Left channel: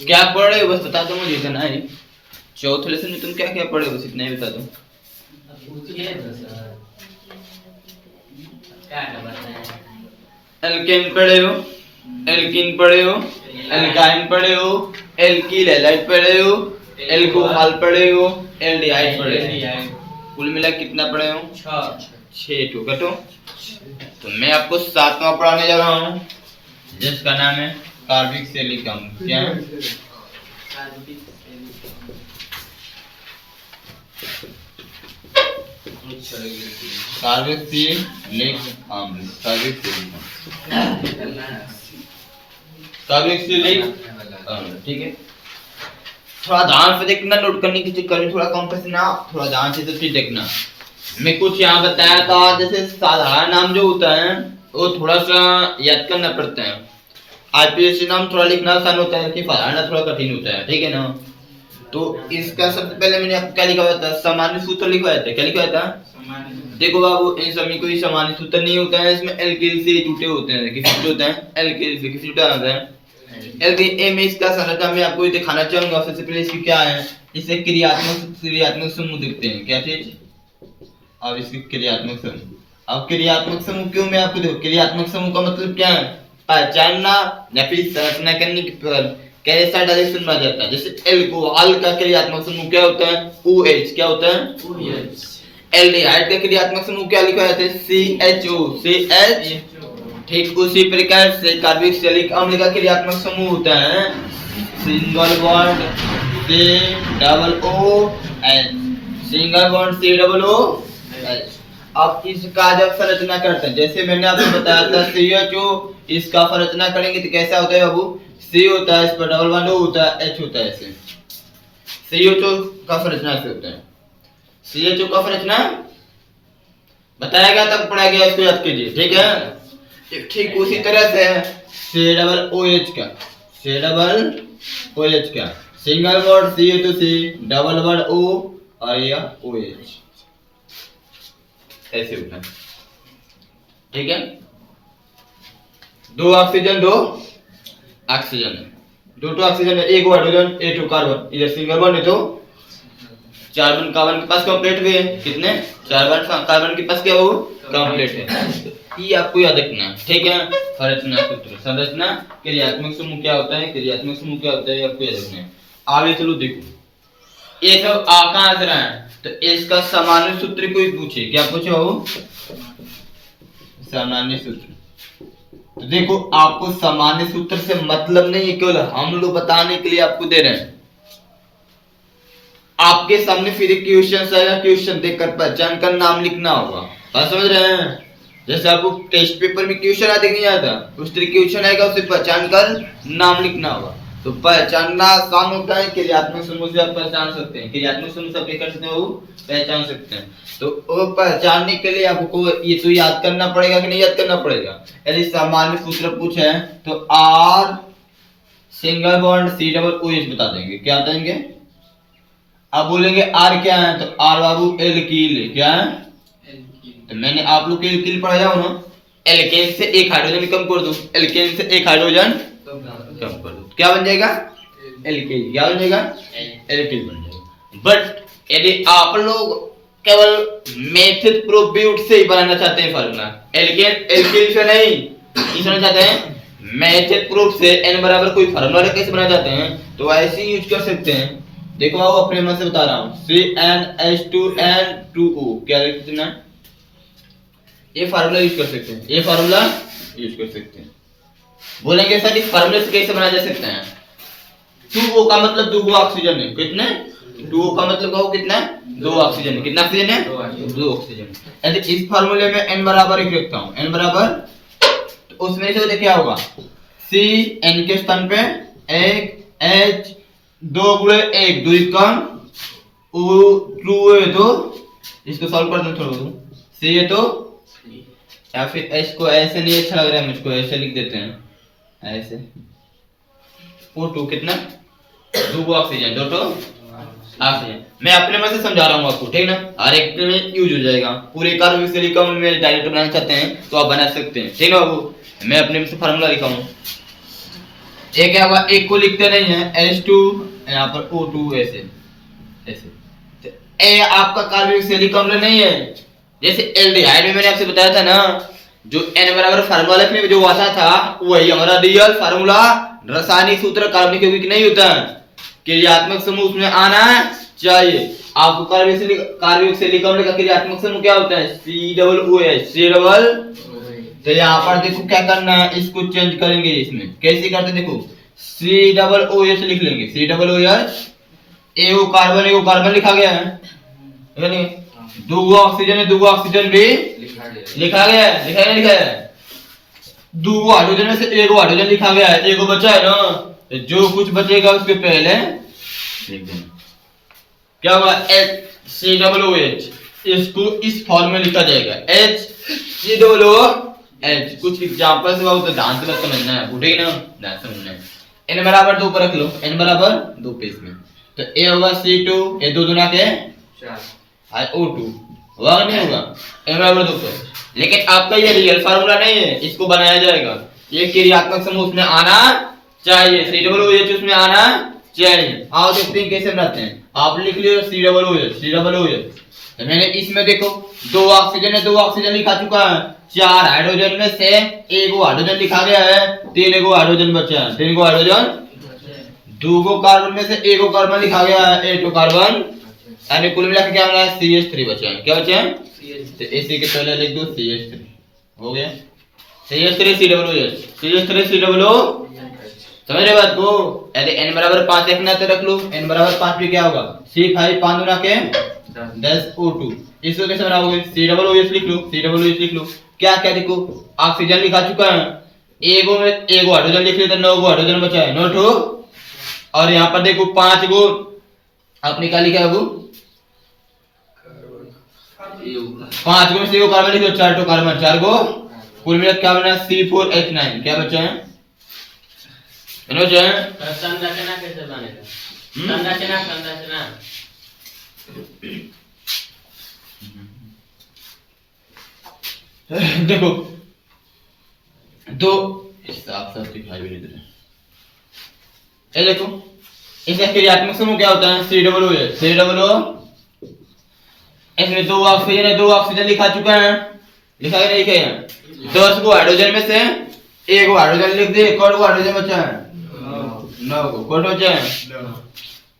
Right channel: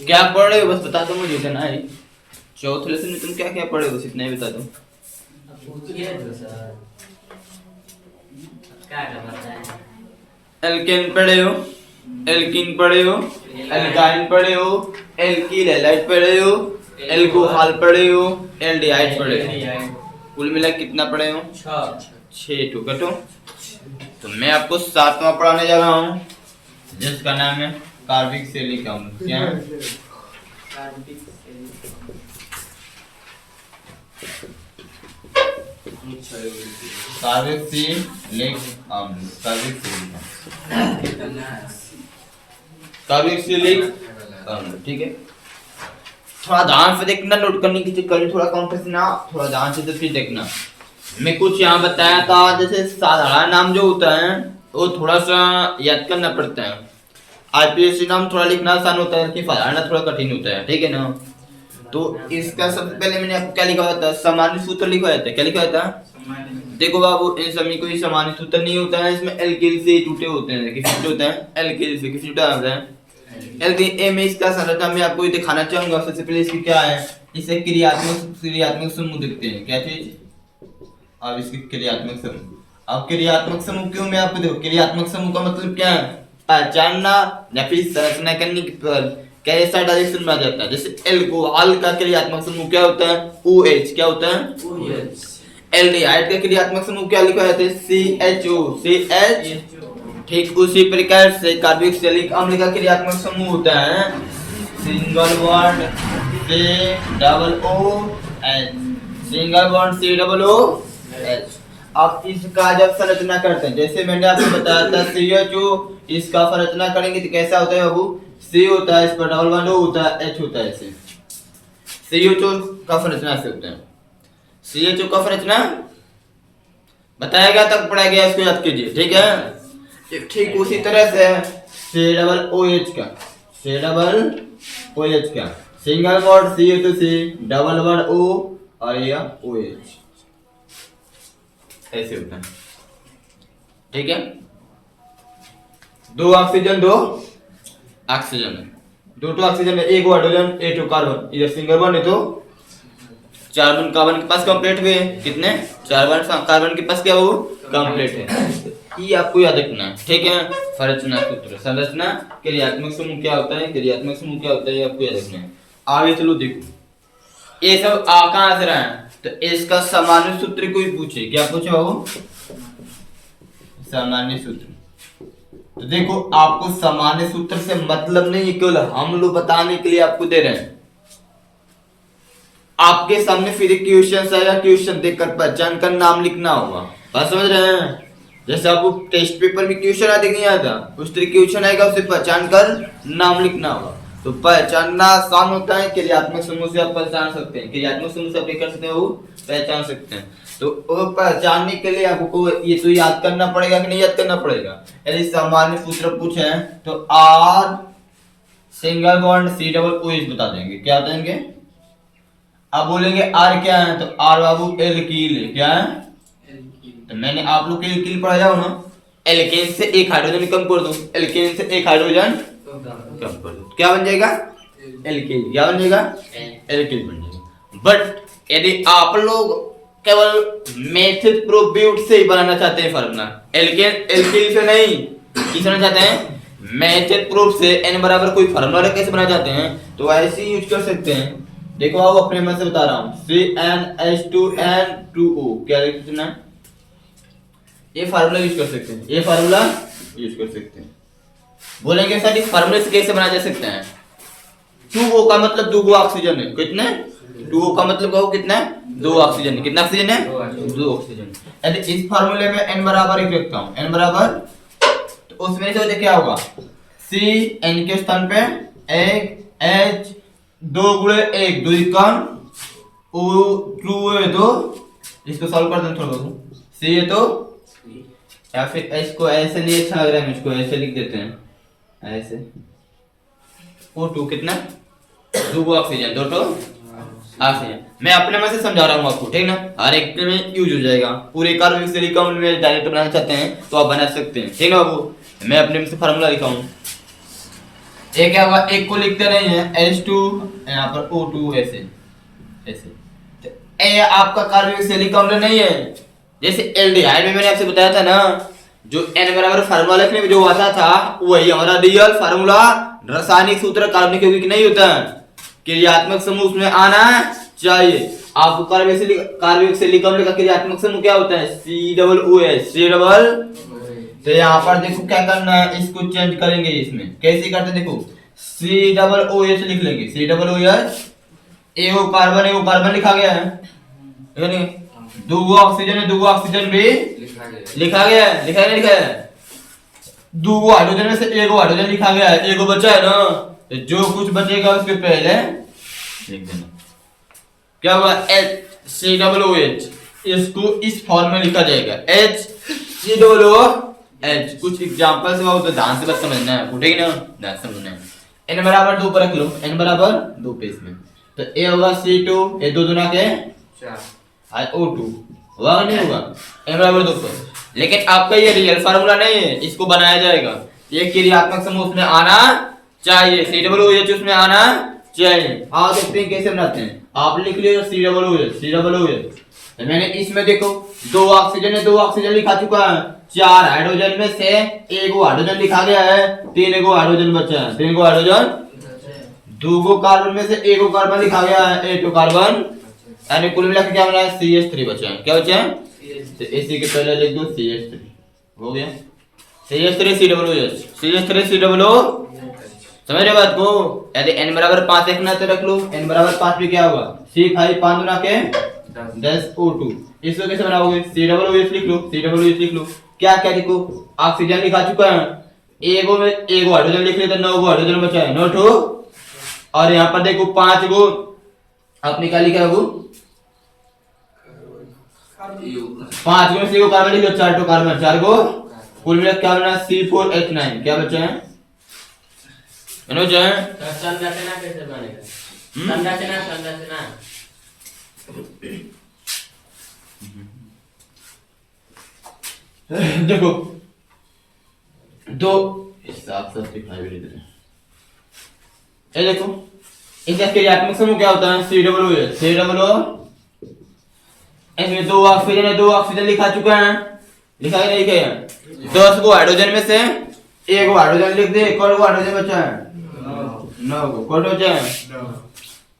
क्या पढ़ रहे हो बस बता दो मुझे इतना ही। चौथे लेसन में तुम क्या क्या पढ़े हो बस इतना ही बता दो। पूछिए तो सर क्या बताएं। एल्केन पढ़े हो, एल्कीन पढ़े हो, एल्काइन पढ़े हो, एल्कील हैलाइड पढ़े हो, एल्कोहल पढ़े हो, एल्डिहाइड पढ़े हो। कुल मिला कितना पढ़े हो? 6 टू कटो। तो मैं आपको 7वां पढ़ाने जा रहा हूँ जिसका नाम है कार्बिक सिलिक अम्ल। क्या है? कार्बिक सिलिक अम्ल, कार्बिक सिलिक अम्ल, कार्बिक सिलिक अम्ल। ठीक है, थोड़ा ध्यान से देखना, नोट करने की चीज करनी, थोड़ा कम पसीना, थोड़ा ध्यान से तो चीज देखना। मैं कुछ यहाँ बताया था, जैसे साधारण नाम जो होता है वो थोड़ा सा याद करना पड़ता है। आईपीएससी नाम थोड़ा लिखना आसान होता है, कि साधारण थोड़ा कठिन होता है। ठीक है ना? तो इसका सबसे पहले मैंने आपको क्या लिखा हुआ था? सामान्य सूत्र लिखा हुआ था। क्या लिखा हुआ था? देखो बाबू, इन सभी कोई सामान्य सूत्र नहीं होता है, इसमें एल्किल से जुटे होते हैं। किससे जुटे होते हैं? एल्किल से। किससे जुटा होता है? एल्किल। ए में इसका संरचना मैं आपको दिखाना चाहूंगा। सबसे पहले इसकी क्या है, इसे क्रियात्मक समूह दिखते हैं। क्या चीज? अब इसकी क्रियात्मक समूह। अब क्रियात्मक समूह क्यों मैं आपको देखो, क्रियात्मक समूह का मतलब क्या है? पहचानना या फिर संरचना करने की पर कैसा डायरेक्शन में आ जाता है। जैसे एल्कोहल का क्रियात्मक समूह क्या होता है? OH। क्या होता है? OH। एल्डिहाइड का क्रियात्मक समूह क्या लिखा जाता है? CHO। CH। ठीक उसी प्रकार से कार्बिक सिलिक अम्ल का क्रियात्मक समूह होता है single bond COOH। Single bond COOH। अब इसका जब संरचना करते हैं, जैसे मैंने आपको बताया था CHO, इसका संरचना करेंगे तो कैसा होता है बाबू? C होता है, इस पर डबल बॉन्ड O होता है, H होता है। ऐसे CHO का संरचना से होता है। CHO का संरचना बताया गया, तक पढ़ाया गया, इसको याद कीजिए। ठीक है, ठीक उसी तरह से COOH का, COOH का single bond C to C, double bond O और यह OH ऐसे होता है। ठीक है, 2 ऑक्सीजन 2 ऑक्सीजन है, 2 ऑक्सीजन है, 1 हाइड्रोजन 2 कार्बन। इधर सिंगल बॉन्ड है तो 4 बॉन्ड कार्बन के पास कंप्लीट हुए। कितने? 4 बॉन्ड कार्बन के पास क्या हो? कंप्लीट है। ये आपको याद रखना है। ठीक है, संरचना सूत्र, संरचना क्रियात्मक समूह क्या होता है, क्रियात्मक समूह क्या होता है, आपको याद रखना है। आगे चलो देखो, ये सब कहां से रहा है? तो इसका सामान्य सूत्र कोई पूछे, क्या पूछे हो? सामान्य सूत्र। तो देखो, आपको सामान्य सूत्र से मतलब नहीं, केवल हम लोग बताने के लिए आपको दे रहे हैं। आपके सामने फिर एक क्वेश्चन आएगा, क्वेश्चन देखकर पहचान कर नाम लिखना होगा। बात समझ रहे हैं? जैसे आपको टेस्ट पेपर में क्वेश्चन आते नहीं आता, उस तरह क्वेश्चन आएगा, उसे पहचान कर नाम लिखना होगा। तो पहचानना आसान होता है, क्रियात्मक समूह से आप पहचान सकते हैं, क्रियात्मक समूह से आप क्या कर सकते हैं, वो पहचान सकते हैं। तो वो पहचानने के लिए आपको ये तो याद करना पड़ेगा कि नहीं याद करना पड़ेगा। यदि सामान्य सूत्र पूछे तो R single bond C double OH बता देंगे। क्या बताएंगे? अब बोलेंगे R क्या है, तो R बाबू एल्कील। क्या है? तो मैंने आप लोग के एल्कील पढ़ाया हो ना, एल्केन से 1 हाइड्रोजन कम कर दो, एल्केन से 1 हाइड्रोजन कम कर दो, क्या बन जाएगा? एल्केन। क्या बन जाएगा? एल्केन बन जाएगा। बट यदि आप लोग केवल मेथड प्रोब्यूट से ही बनाना चाहते हैं फार्मूला, एल्केन एल्केन से नहीं, किस बनाना चाहते हैं? मेथड प्रूफ से n बराबर कोई फार्मूला कैसे बनाना चाहते हैं, तो ऐसे ही यूज कर सकते हैं। देखो आओ, अपने मन से बता रहा हूं, CnH2n2O। क्या लिखना है? ये फार्मूला यूज कर सकते हैं, ये फार्मूला यूज कर सकते हैं। बोलेंगे सर इस फार्मूले से कैसे बनाया जा सकते हैं? 2O का मतलब 2 ऑक्सीजन है। कितने? 2O का मतलब कहो कितना? 2 ऑक्सीजन है। कितना ऑक्सीजन है? 2 ऑक्सीजन। यदि इस फार्मूले में n बराबर 1 रखता हूं, n बराबर, तो उसमें से क्या होगा? C n के स्थान पे 1 H 2 गुणे 1 2 कम O 2 है, तो इसको सॉल्व कर दें थोड़ा बहुत। C है तो, या फिर H को ऐसे नहीं अच्छा लग रहा है मुझको, ऐसे लिख देते हैं ऐसे। O2 कितना? 2 ऑक्सीजन, 2 ऑक्सीजन। मैं अपने मन से समझा रहा हूँ आपको, ठीक ना? हर एक में यूज हो जाएगा। पूरे कार्बनिक सिलिकॉन में डायरेक्ट बनाना चाहते हैं तो आप बना सकते हैं, ठीक ना बाबू? मैं अपने मन से फार्मूला लिखा हूँ, एक क्या होगा, एक को लिखते नहीं है H2 यहाँ पर O2 ऐसे ऐसे। तो ए आपका कार्बनिक सैलिक अम्ल नहीं है। जैसे एल्डिहाइड में मैंने आपसे बताया था ना, जो N बराबर फार्मूला लिखने में जो आता था वही हमारा रियल फार्मूला रासायनिक सूत्र कार्बनिक यौगिक नहीं होता है। क्रियात्मक समूह उसमें आना चाहिए। आपको कार्बनिक सैलिक अम्ल का क्रियात्मक समूह क्या होता है, COOH C डबल। तो यहाँ पर देखो क्या करना है, इसको चेंज करेंगे इसमें। कैसे करते देखो, COOH लिख लेंगे, COOH एगो कार्बन लिखा गया है, ठीक है। दो ऑक्सीजन है, दो ऑक्सीजन भी लिखा गया है, लिखा है नहीं लिखा है। दो हाइड्रोजन में से एगो हाइड्रोजन लिखा गया है, एगो बचा है ना, तो जो कुछ बचेगा उसके पहले लिख देना। क्या होगा, HCOOH, इसको इस फॉर्म में लिखा जाएगा HCOOH। कुछ एग्जांपल्स हुआ तो ध्यान से समझना है, उठेगी ना, ध्यान से समझना है। n बराबर 2 पर रख लो, n बराबर 2 पे इसमें, तो a होगा C2, ये दो दुना के 4 O2 होगा नहीं होगा, n बराबर 2 पे। लेकिन आपका ये रियल फार्मूला नहीं है, इसको बनाया जाएगा। ये क्रियात्मक समूह उसमें आना चाहिए, COOH उसमें आना चाहिए। आओ देखते हैं कैसे बनाते हैं। आप लिख लियो COOH। तो मैंने इसमें देखो दो ऑक्सीजन है, दो ऑक्सीजन लिखा चुका है, 4 हाइड्रोजन में से एगो हाइड्रोजन लिखा गया है, 3 गो हाइड्रोजन बचा है, 3 गो हाइड्रोजन, 2 गो कार्बन में से एगो कार्बन लिखा गया है, 8 कार्बन, यानी कुल मिला के क्या बना है, CH3 बचा है। क्या बचा है, तो इसी के पहले लिख दो CH3, हो गया CH3COOH। समझ रहे बात को। यदि n बराबर 5 रखना तो रख लो, n बराबर 5 पे क्या होगा, C5 5 गुना के 10 O2। इसको कैसे बनाओगे, COOH लिख लो, COOH लिख लो। क्या क्या देखो, ऑक्सीजन लिखा चुका है, एगो में एगो हाइड्रोजन लिख लिया तो 9 गो हाइड्रोजन बचा है, 9 ठो। और यहाँ पर देखो 5 गो आपने क्या लिखा है, वो 5 गो में से एगो कार्बन लिख लो, 4 ठो कार्बन, 4 गो, कुल मिला क्या बना, C4H9। क्या बचा है, संरचना कैसे बनेगा, संरचना देखो दो साफ साफ दिखाई भी नहीं दे रहे। ये देखो इसका क्रियात्मक समूह क्या होता है, COOH। इसमें दो ऑक्सीजन है, दो ऑक्सीजन लिखा चुका है, लिखा है नहीं लिखा है। 10 गो हाइड्रोजन में से एगो हाइड्रोजन लिख दे, एक और हाइड्रोजन बचा है, 9 गो, कौन बचा है,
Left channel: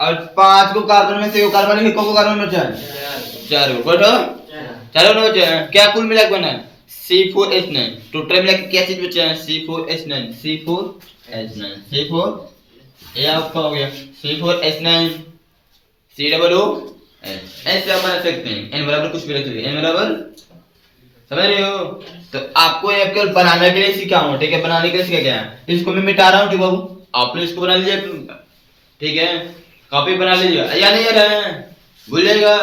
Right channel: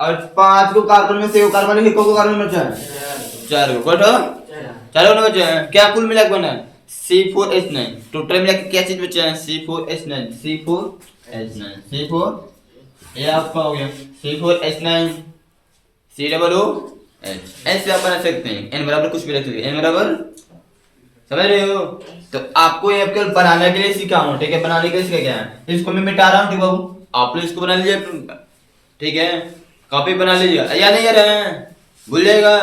और 5 गो कार्बन में से एगो कार्बन लिखो, को कार्बन बचा है, 4 गो, कौन 4 गो बचा है। क्या कुल मिला के बना है, C4H9। टोटल मिला के क्या चीज बचा है, C4 ये आपका हो गया C4H9 COOH। ऐसे आप बना सकते हैं, n बराबर कुछ भी रख लीजिए, n बराबर, समझ रहे हो। तो आपको ये केवल बनाने के लिए सीखा हूं, ठीक है, बनाने के लिए सीखा गया है। इसको मैं मिटा रहा हूं, ठीक बाबू, आप लोग इसको बना लीजिए, ठीक है, कॉपी बना लीजिए, या नहीं याद है, भूल जाएगा,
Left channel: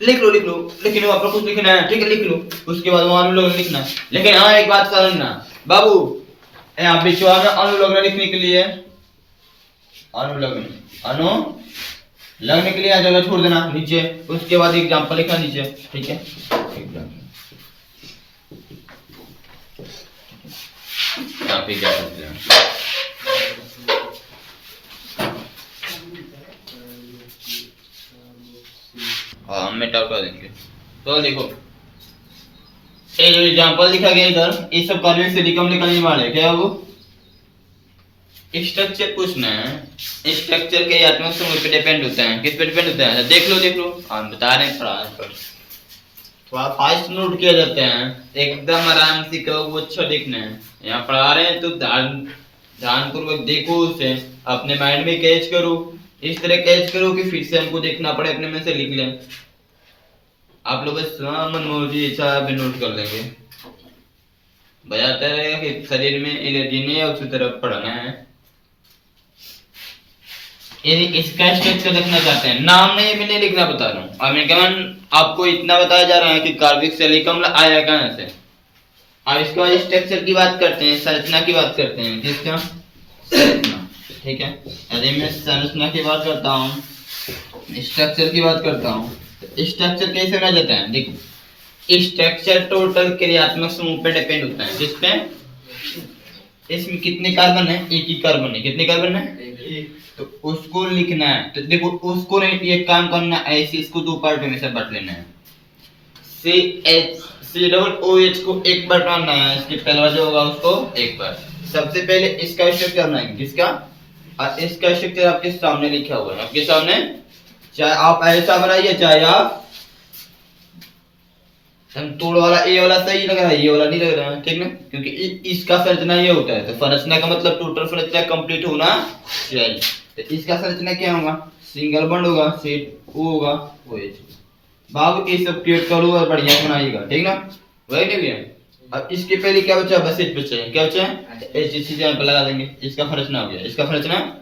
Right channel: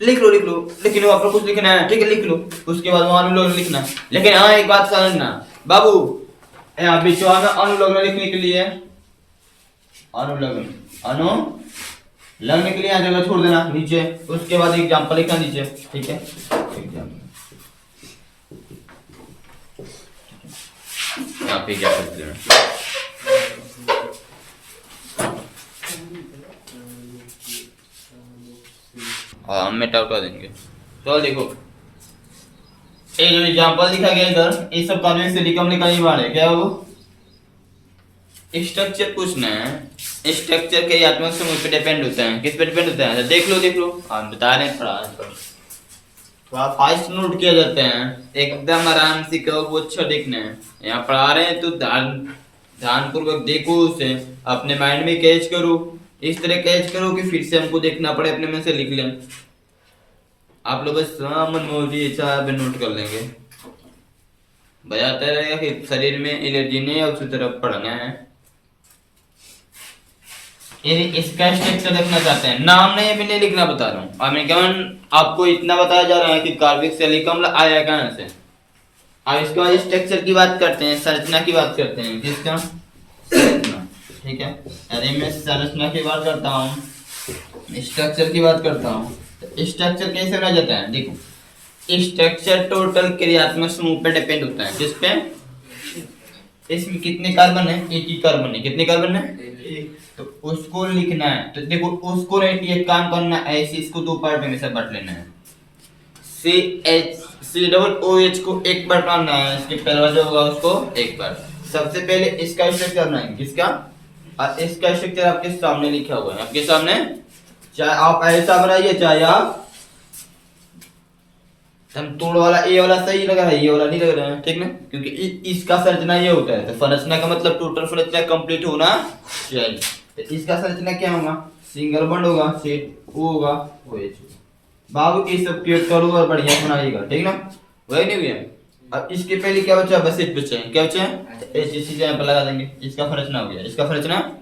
लिख लो लेकिन आप लोग कुछ लिखना है, ठीक है, लिख लो, उसके बाद वहां अनुलोम लिखना। लेकिन हाँ एक बात समझना बाबू, यहाँ बीच में अनुलोम लिखने के लिए, लगने के लिए यहाँ जगह छोड़ देना नीचे, उसके बाद एग्जाम्पल लिखना नीचे, ठीक है, हाँ मेटा उठा देंगे। तो देखो ये जो एग्जांपल दिखा गया इधर, ये सब कार्बनिक से निकलने वाले क्या वो स्ट्रक्चर पूछना है। स्ट्रक्चर के आत्मक समूह पे डिपेंड होता है, किस पे डिपेंड होता है, देख लो हम बता रहे हैं, थोड़ा फास्ट नोट किया जाता है, एकदम आराम से कहो, वो अच्छा देखना है। यहाँ पढ़ा रहे हैं तो ध्यानपूर्वक देखो, उसे अपने माइंड में कैच करो, इस तरह कैच करो कि फिर से हमको देखना पड़े, अपने में से लिख लें। आप लोग मनमोजी इच्छा नोट कर लेंगे, बताता रहेगा कि शरीर में एलर्जी नहीं है, उसी तरफ पढ़ना है। इसका स्ट्रक्चर देखना चाहते हैं, नाम नहीं मैंने लिखना बता रहा हूँ, और मैं केवल आपको इतना बताया जा रहा है कि कार्बनिक सैलिक अम्ल आया कहाँ से। अब इसके बाद स्ट्रक्चर की बात करते हैं, संरचना की बात करते हैं, किसका, संरचना, ठीक है। यदि मैं संरचना की बात करता हूँ, स्ट्रक्चर की बात करता हूँ, स्ट्रक्चर कैसे बना जाता है, देखो स्ट्रक्चर टोटल क्रियात्मक समूह पे डिपेंड होता है, जिस पे इसमें कितने कार्बन है? एक ही कार्बन है। कितने कार्बन है? तो उसको लिखना है। तो देखो उसको नहीं, ये काम करना ऐसे, इसको दो पार्ट में से बांट लेना है। CH को एक बार बांटना है, इसके पहला जो होगा उसको एक बार। सबसे पहले इसका स्ट्रक्चर बनाएंगे। किसका? और इसका स्ट्रक्चर आपके सामने लिखा हुआ है, आपके सामने। चाहे आप ऐसा बनाइए, चाहे आप तोड़ वाला ए वाला सही लग रहा है, ये वाला नहीं लग रहा है, ठीक ना? क्योंकि इसका संरचना ये होता है। तो संरचना का मतलब टोटल संरचना कंप्लीट होना चाहिए। तो इसका संरचना क्या होगा? सिंगल बॉन्ड होगा, सेट ओ होगा, OH। बाबू ये सब क्रिएट करो और बढ़िया बनाइएगा, ठीक ना? वही नहीं भैया। अब इसके पहले क्या बचा? बस एक बचा है। क्या बचा है? ऐसी यहाँ पे लगा देंगे। इसका संरचना हो गया। इसका संरचना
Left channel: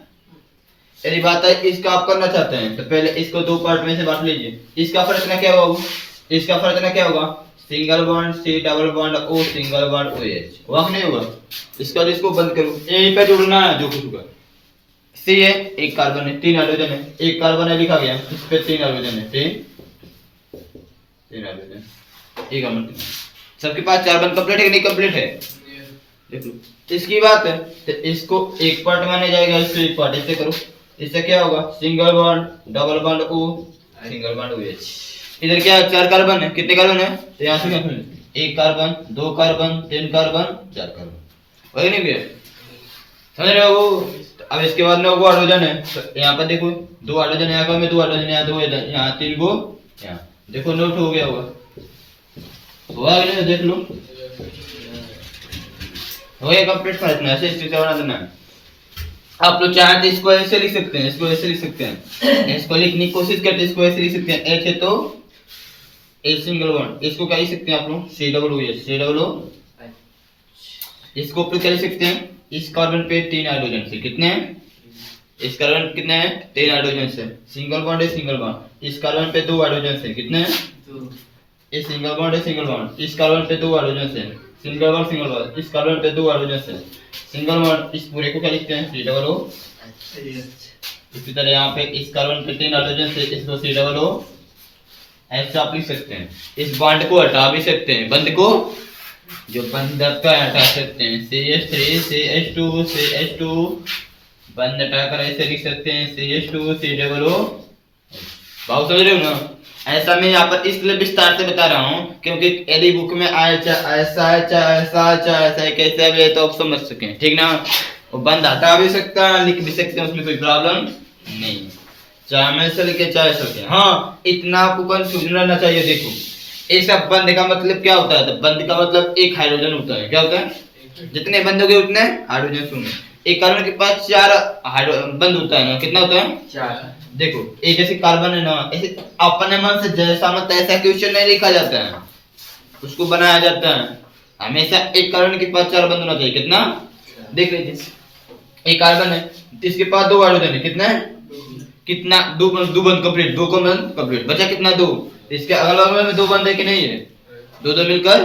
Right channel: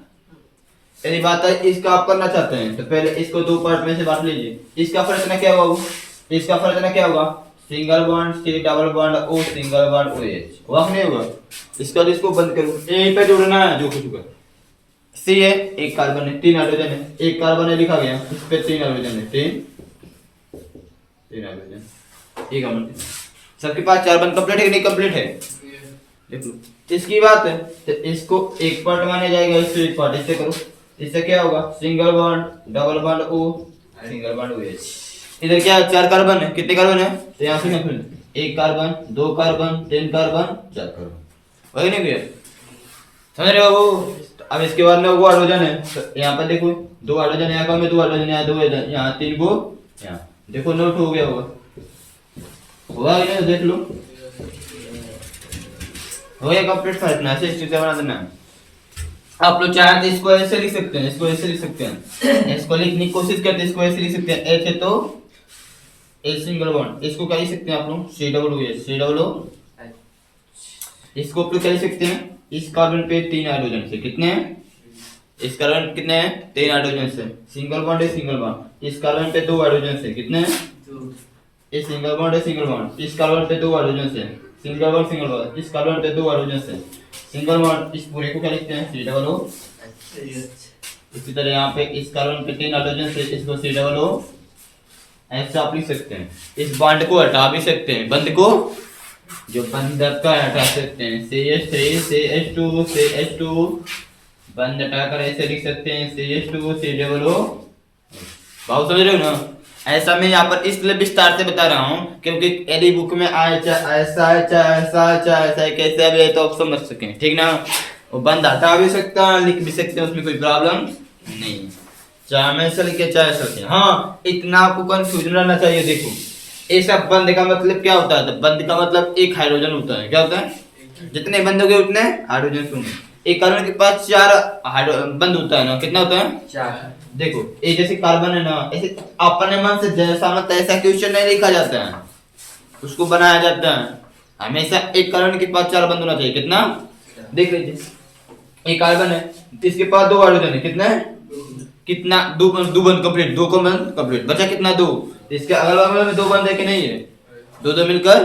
यदि बात है इसका आप करना चाहते हैं तो पहले इसको दो पार्ट में से बांट लीजिए। इसका संरचना क्या होगा? इसका संरचना क्या होगा? Single bond C double bond O single bond OH। होगा कि नहीं होगा? इसका इसको बंद करो, यहीं पे जुड़ना है जो कुछ होगा। C है, एक कार्बन है, 3 हाइड्रोजन है, एक कार्बन है लिखा गया, इस पे 3 हाइड्रोजन है, 3 हाइड्रोजन, एक अमन। सबके पास 4 बॉन्ड कंप्लीट है कि नहीं कंप्लीट है? देख लो। इसकी बात है तो इसको एक पार्ट माने जाएगा, इससे एक पार्ट इससे करो। इससे क्या होगा? Single bond double bond O single bond OH। इधर क्या 4 कार्बन है, कितने कार्बन है? तो यहाँ से क्या? एक कार्बन, 2 कार्बन, 3 कार्बन, 4 कार्बन। वही नहीं भैया, समझ रहे हो? अब इसके बाद में वो हाइड्रोजन है, तो यहाँ पर देखो 2 हाइड्रोजन यहाँ में, 2 हाइड्रोजन यहाँ, 2 यहाँ, 3 गो यहाँ। देखो नोट हो गया होगा, हुआ कि नहीं? देख लो, हो गया कंप्लीट। फाइल ऐसे स्ट्रक्चर बना देना है। आप लोग चाहे तो इसको ऐसे लिख सकते हैं, इसको ऐसे लिख सकते हैं, इसको लिखने की कोशिश करते हैं, इसको ऐसे लिख सकते हैं। H है तो A सिंगल बॉन्ड, इसको क्या लिख सकते हैं आप लोग? C double O, C double O। इसको ऊपर क्या लिख सकते हैं? इस कार्बन पे 3 हाइड्रोजन से, कितने हैं? इस कार्बन कितने हैं? 3 हाइड्रोजन से, सिंगल बॉन्ड है, सिंगल बॉन्ड। इस कार्बन पे 2 हाइड्रोजन से, कितने हैं? 2। इस सिंगल बॉन्ड है, सिंगल बॉन्ड। इस कार्बन पे 2 हाइड्रोजन से, सिंगल बॉन्ड, सिंगल बॉन्ड। इस कार्बन पे 2 हाइड्रोजन से, सिंगल बॉन्ड। इस पूरे को क्या लिखते हैं? C double O। इसी तरह यहाँ पे इस कार्बन पे 3 हाइड्रोजन से, इसको C डबल O ऐसा आप लिख सकते हैं। इस बॉन्ड को हटा भी सकते हैं, बंद को जो बंधक का हटा सकते हैं। CH3 CH2 CH2 बंद हटाकर ऐसे लिख सकते हैं CH2 C डबल O। बहुत समझ रहे हो ना? ऐसा मैं यहाँ पर इसलिए विस्तार से बता रहा हूँ क्योंकि यदि बुक में आए चाहे ऐसा है, चाहे ऐसा है, चाहे ऐसा है, कैसे भी है तो आप समझ सकें, ठीक ना? वो बंद हटा भी सकता है, लिख भी सकते हैं, उसमें कोई प्रॉब्लम नहीं है। चाहे मैं ऐसा लिखे चाहे ऐसा लिखे। हाँ, इतना आपको कंफ्यूजन रहना चाहिए। देखो ये सब बंद का मतलब क्या होता है? तो बंद का मतलब एक हाइड्रोजन होता है। क्या होता है? जितने बंद हो गए उतने हाइड्रोजन होंगे। एक कार्बन के पास 4 बंद होता है ना, कितना होता है? 4। देखो ये जैसे कार्बन है ना, ऐसे अपने मन से जैसा मत ऐसा क्वेश्चन नहीं लिखा जाता है, उसको बनाया जाता है। हमेशा एक कार्बन के पास 4 बंद होना चाहिए। कितना? देख लीजिए, एक कार्बन है, इसके पास 2 हाइड्रोजन है, कितना है? कितना? 2 बंद कंप्लीट, 2 को बंद कंप्लीट, बचा कितना? 2। इसके अगल बगल में 2 बंद है कि नहीं है? 2 मिलकर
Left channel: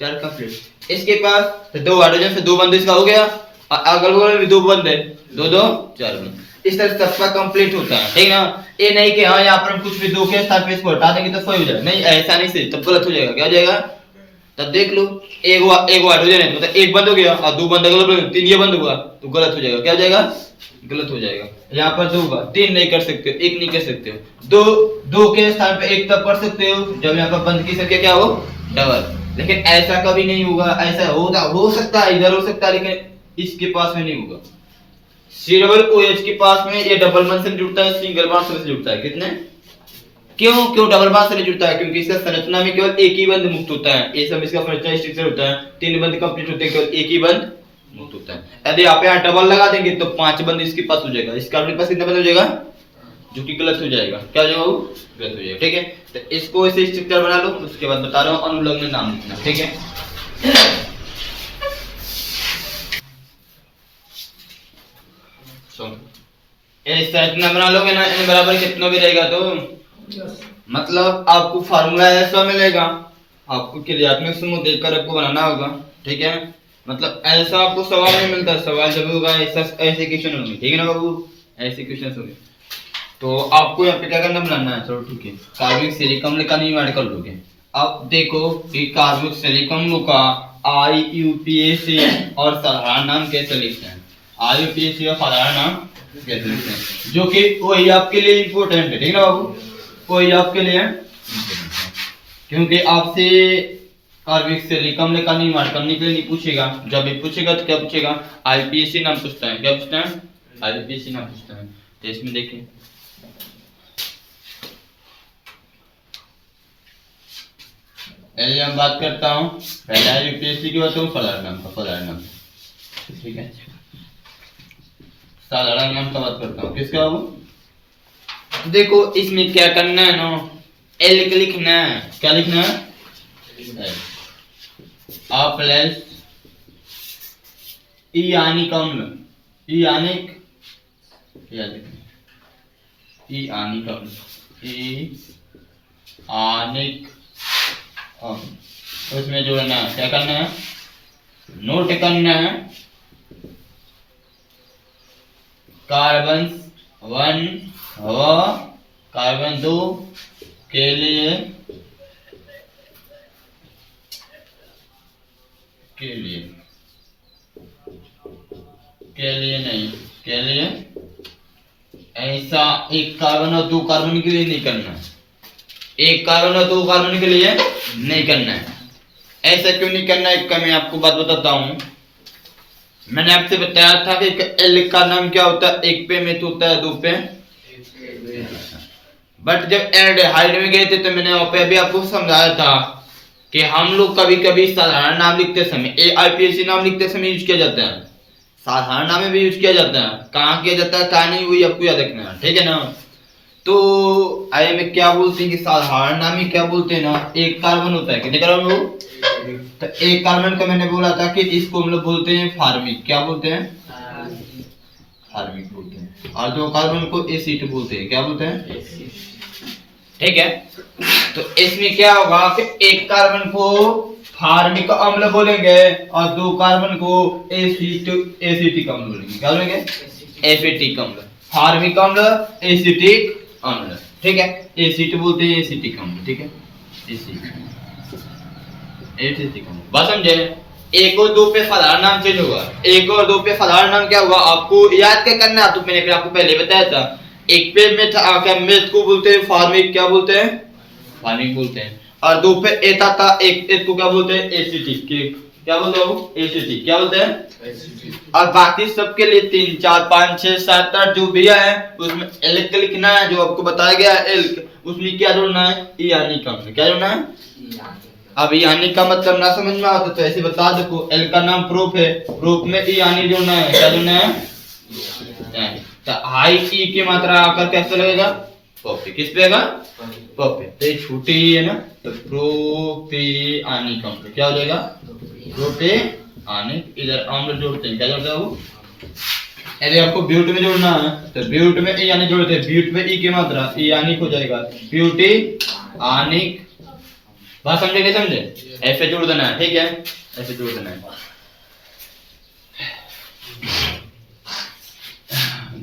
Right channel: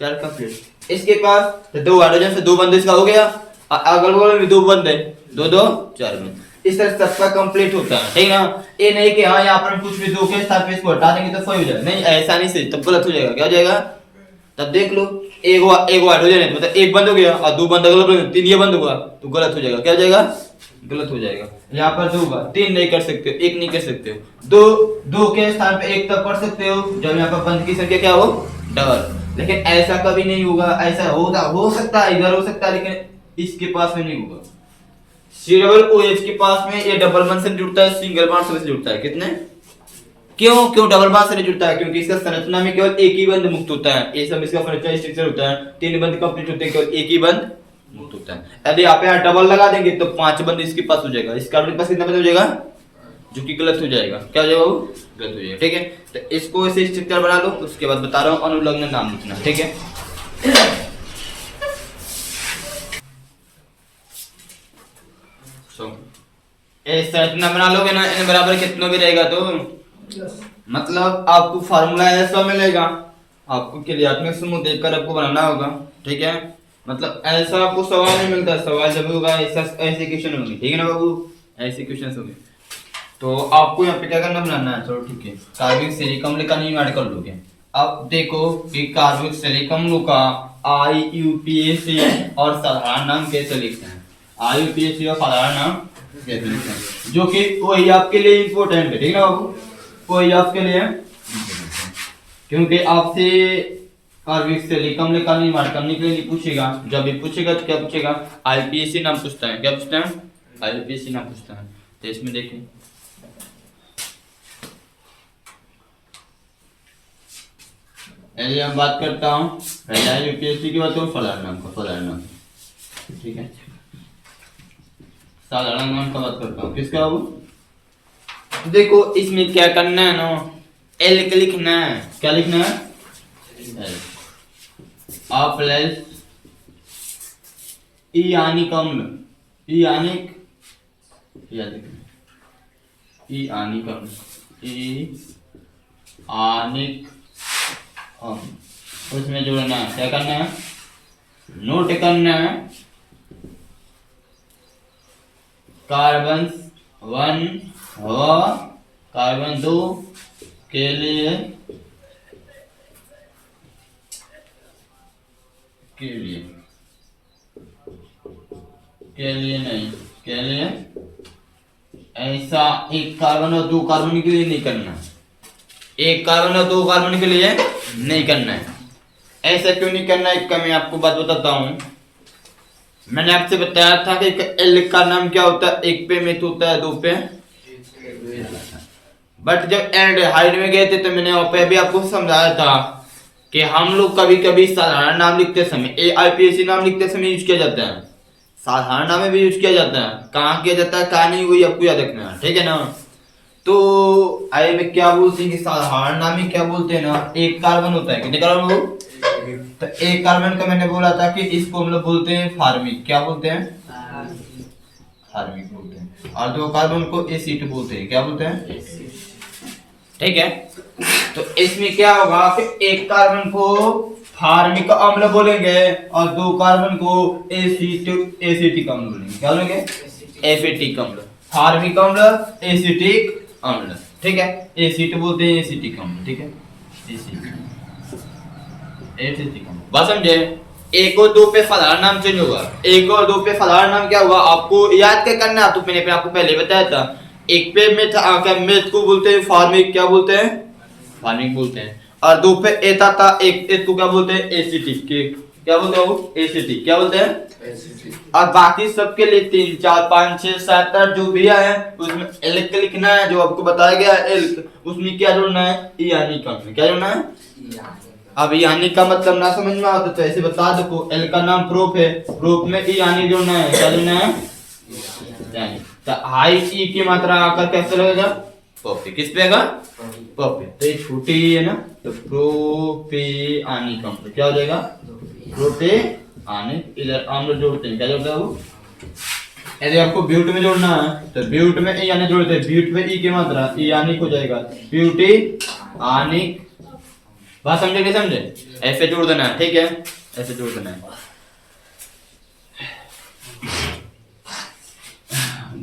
4 कंप्लीट। इसके पास तो 2 हाइड्रोजन से 2 बंद इसका हो गया, अगल बगल में 2 बंद है, 2 2 4 बंद। इस तरह सबका कंप्लीट होता है, ठीक ना? ये नहीं कि हाँ यहाँ पर हम कुछ भी 2 के स्थान पे इसको हटा देंगे तो सही हो जाएगा, नहीं ऐसा नहीं सही, तब गलत हो जाएगा। क्या हो जाएगा? तब देख लो, एक हाइड्रोजन है मतलब 1 बंद हो गया और 2 बंद अगल बगल 3 ये बंद हुआ तो गलत हो जाएगा। क्या हो जाएगा? गलत हो जाएगा। यहाँ पर 2 होगा, 3 नहीं कर सकते, 1 नहीं कर सकते हो। 2 के स्थान पे 1 तब कर सकते हो जब यहाँ पर बंद की संख्या क्या हो? डबल। लेकिन ऐसा कभी नहीं होगा। ऐसा हो सकता है, इधर हो सकता है, लेकिन इसके पास में नहीं होगा। C डबल OH के पास में ये डबल बॉन्ड से जुड़ता है, सिंगल बॉन्ड से जुड़ता है। कितने? क्यों डबल बॉन्ड से जुड़ता है? क्योंकि इसका संरचना में केवल एक ही बंध मुक्त होता है। ये सब इसका संरचना स्ट्रक्चर होता है, 3 बंध कंप्लीट होते हैं, केवल एक ही बंध मुक्त होता है। यदि आप यहाँ डबल लगा देंगे तो 5 बंद इसके पास हो जाएगा। इस कार्बन के पास कितना बंद हो जाएगा? जो कि गलत हो जाएगा। क्या हो जाएगा? वो गलत हो जाएगा, ठीक है? तो इसको ऐसे स्ट्रक्चर बना लो, उसके बाद बता रहा हूँ अनुलग्न नाम लिखना, ठीक है? संरचना बना लोगे ना, n बराबर कितना भी रहेगा तो मतलब आपको फार्मूला ऐसा मिलेगा, आपको क्रियात्मक समूह देखकर आपको बनाना होगा, ठीक है? मतलब ऐसा आपको सवाल नहीं मिलता, सवाल जब होगा ऐसे क्वेश्चन होंगे, ठीक है ना बाबू? ऐसे क्वेश्चन होंगे तो आपको यहाँ पे क्या करना, बनाना है। चलो ठीक है, कार्बनिक सिलिकॉन का नहीं ऐड कर लोगे। अब देखो कि कार्बनिक सिलिकॉन का IUPAC और साधारण नाम कैसे लिखते हैं, IUPAC और साधारण नाम कैसे लिखते हैं, जो कि वही आपके लिए इम्पोर्टेंट है, ठीक है ना बाबू, वही आपके लिए important है। क्योंकि आपसे कार्बिक से कम का निर्माण करने के लिए नहीं पूछेगा, जब भी पूछेगा तो क्या पूछेगा, IUPAC नाम पूछता है, क्या पूछता है, IUPAC नाम पूछता है। तो इसमें देखें हम बात करता हूँ पहले IUPAC की बात हूँ साधारण नाम का, साधारण नाम, ठीक है, साधारण नाम का बात करता हूँ, किसका वो, देखो इसमें क्या करना है ना, एल के लिखना है, क्या लिखना है, आ प्लस ई आनिक अम्ल, ई आनिक, ई आनिक अम्ल, ई आनिक अम्ल, उसमें जोड़ना है, क्या करना है, नोट करना है कार्बन 1 व कार्बन 2 के लिए नहीं, के लिए ऐसा एक कार्बन और 2 कार्बन के लिए नहीं करना, एक कार्बन और 2 कार्बन के लिए नहीं करना है। ऐसा क्यों नहीं करना है, इसका मैं आपको बात बताता हूँ। मैंने आपसे बताया था कि एल का नाम क्या होता है, एक पे मिथ होता है, 2 पे, बट जब एल्डिहाइड में गए थे तो मैंने वहां पे भी आपको समझाया था कि हम लोग कभी कभी साधारण नाम लिखते समय IUPAC नाम लिखते समय यूज किया जाता है, साधारण नाम में भी यूज किया जाता है, कहाँ किया जाता है कहाँ नहीं, वही आपको याद रखना है, ठीक है ना। तो आए में क्या बोलते हैं कि साधारण नाम में क्या बोलते हैं ना, एक कार्बन होता है, कितने कार्बन हो, तो एक कार्बन का मैंने बोला था कि इसको हम लोग बोलते हैं फार्मिक, क्या बोलते हैं, फार्मिक बोलते हैं, और 2 कार्बन को एसिड बोलते हैं, क्या बोलते हैं, ठीक है। तो इसमें क्या होगा कि एक कार्बन को फार्मिक अम्ल बोलेंगे और 2 कार्बन को एसिटिक अम्ल बोलेंगे, क्या बोलेंगे, एसिटिक अम्ल, फार्मिक अम्ल, एसिटिक अम्ल, ठीक है, एसिड बोलते हैं एसिटिक अम्ल, ठीक है, एसिटिक अम्ल, बस समझे। 1 और 2 पे साधारण नाम चेंज होगा, 1 और 2 पे साधारण नाम क्या होगा आपको याद क्या करना है, तो मैंने आपको पहले बताया था, एक पे मेथ आकर मेथ को बोलते हैं फार्मिक, क्या बोलते हैं, फार्मिक बोलते हैं, और 2 पे एथा था, एक को क्या बोलते हैं, एसिटिक, क्या बोलते हैं वो, एसिटिक, क्या बोलते हैं, एसिटिक। और बाकी सबके लिए 3 4 5 6 7 8 जो भी है उसमें एल का लिखना है, जो आपको बताया गया है एल, उसमें क्या जोड़ना है, ई आनिक अम्ल, क्या जोड़ना है, अब ई आनिक का मतलब ना समझ में आता तो ऐसे बता दो, एल का नाम प्रोप है, प्रोप में ई आनिक जोड़ना है, क्या जोड़ना है, तो हाई ई की मात्रा आकर कैसे लगेगा, प्रोपे, किस पे आएगा, प्रोपे, तो ये छोटी है ना, तो प्रोपिआनिक अम्ल, क्या हो जाएगा, प्रोपिआनिक, इधर अम्ल जोड़ते हैं, क्या जोड़ता है वो, यदि आपको ब्यूट में जोड़ना है तो ब्यूट में ई आनिक जोड़ते हैं, ब्यूट में ई की मात्रा ई आनिक हो जाएगा, ब्यूटिआनिक, बात समझे नहीं समझे, ऐसे जोड़ देना है, ठीक है, ऐसे जोड़ देना है।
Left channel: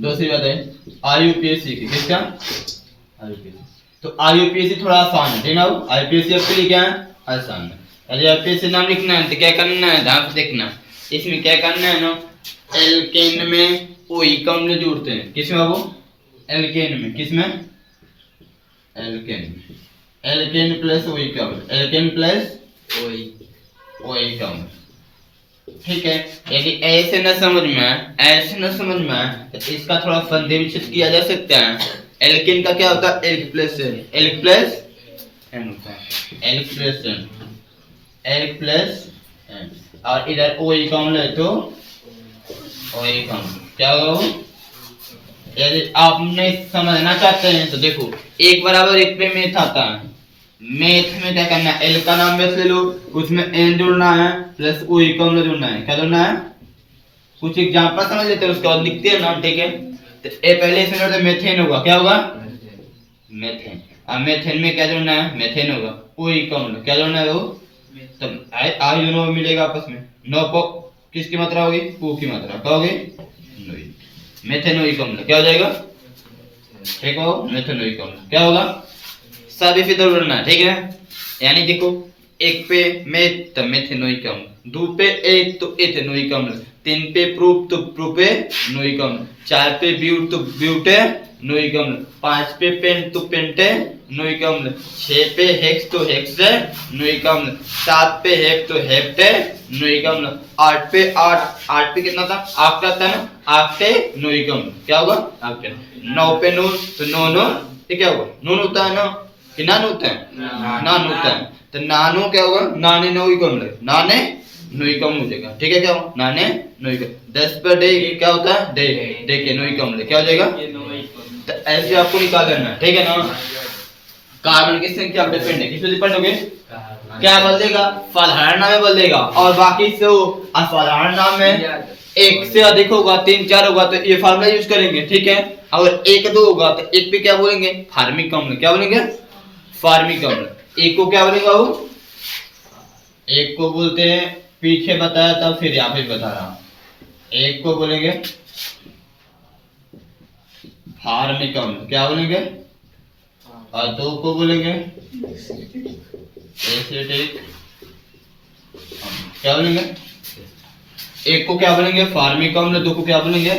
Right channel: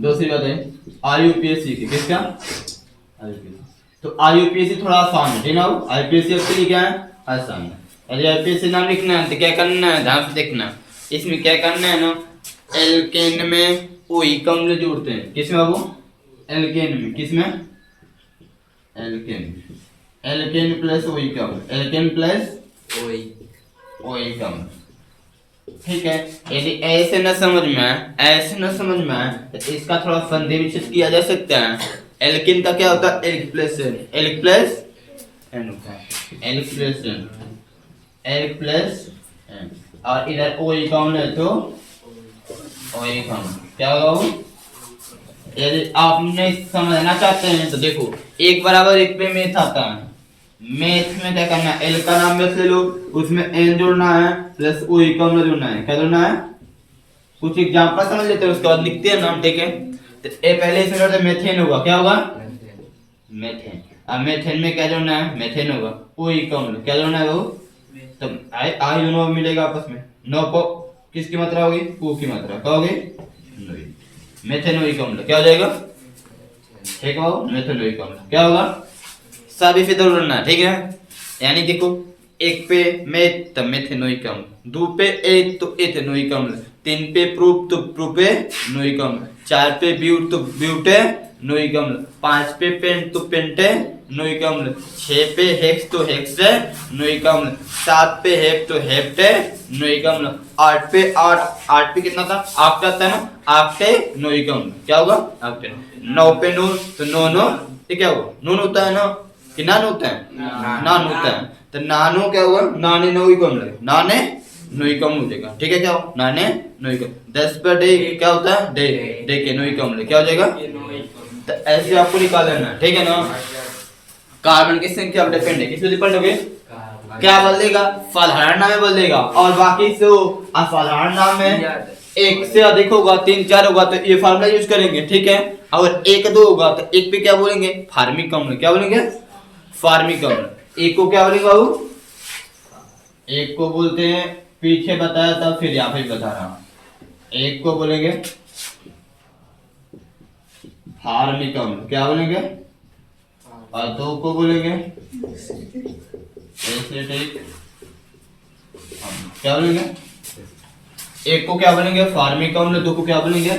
दूसरी बात है IUPAC की, किसका, IUPAC, तो IUPAC थोड़ा आसान है, ठीक है, IUPAC आपके लिए क्या है, आसान है। यदि IUPAC नाम लिखना है तो क्या करना है, ध्यान से देखना, इसमें क्या करना है ना, एल्केन में ओइक अम्ल जोड़ते हैं, किसमें बाबू, एल्केन में, किसमें, एल्केन में, एल्केन प्लस ओइक अम्ल, एल्केन प्लस ओइक अम्ल, ठीक है। यदि ऐसे न समझ में, ऐसे न समझ में तो इसका थोड़ा संधि विच्छेद किया जा सकता है। एल्केन का क्या होता है, alk plus ane, alk plus ane होता है, alk plus ane, alk plus ane, और इधर ओइक अम्ल है तो ओइक अम्ल, क्या होगा वो, यदि आप नहीं समझना चाहते हैं तो देखो, 1 बराबर 1 पे मेथ आता है, मेथ में क्या करना है, एल का नाम मेथ ले लो, उसमें एन जोड़ना है प्लस ओइक अम्ल जोड़ना है, क्या जोड़ना है, कुछ एग्जांपल समझ लेते हैं उसके बाद लिखते हैं नाम, ठीक है। तो ए पहले इसमें करते मेथेन होगा, क्या होगा, मेथेन, अब मेथेन में क्या जोड़ना है, मेथेन होगा, ओइक अम्ल, क्या जोड़ना है वो, तब आई दोनों मिलेगा आपस में, 9 को किसकी मात्रा होगी, ओ की मात्रा, क्या होगी, मेथेनोइक अम्ल, क्या हो जाएगा, ठीक है, मेथेनोइक अम्ल क्या होगा, सभी फिर जोड़ना है, ठीक है। यानी देखो एक पे मेथ तो मेथेनोइक अम्ल, दो पे एक तो एथेनोइक अम्ल, तीन पे प्रूप तो प्रोपेनोइक अम्ल, चार पे ब्यूट तो ब्यूटेनोइक अम्ल, पांच पे पेंट तो पेंटेनोइक अम्ल, छह पे हेक्स तो हेक्सेनोइक अम्ल, सात पे हेप तो हेप्टेनोइक अम्ल, आठ पे कितना था, आठ का था ना, आक्टेनोइक अम्ल, क्या होगा आक्टेन। नौ पे नून तो नोनो, ये क्या होगा, नून होता है ना कि नान होता है, नान होता है, तो नानो क्या होगा, नाने नोइक अम्ल, नाने नोइक अम्ल हो जाएगा, ठीक है, क्या हो नाने नोइक। 10 पर डे क्या होता है, डे के नोइक अम्ल क्या हो जाएगा, तो ऐसे आपको निकाल लेना है, ठीक है ना। कार्बन की संख्या पर डिपेंड है, किस पे डिपेंड होगे, क्या बोल देगा, साधारण नाम में बोल देगा, और बाकी से असाधारण नाम में एक से अधिक होगा, 3 4 होगा तो ये फार्मूला यूज करेंगे, ठीक है। अगर 1 2 होगा तो एक पे क्या बोलेंगे, फार्मिक अम्ल, क्या बोलेंगे, फार्मिक अम्ल। एक को क्या बोलेंगे बाबू, एक को बोलते हैं, पीछे बताया था फिर यहाँ पे बता रहा हूं, एक को बोलेंगे फार्मिक अम्ल, क्या बोलेंगे, और दो को बोलेंगे एसिटिक अम्ल, क्या बोलेंगे, एक को क्या बोलेंगे फार्मिक अम्ल, दो को क्या बोलेंगे।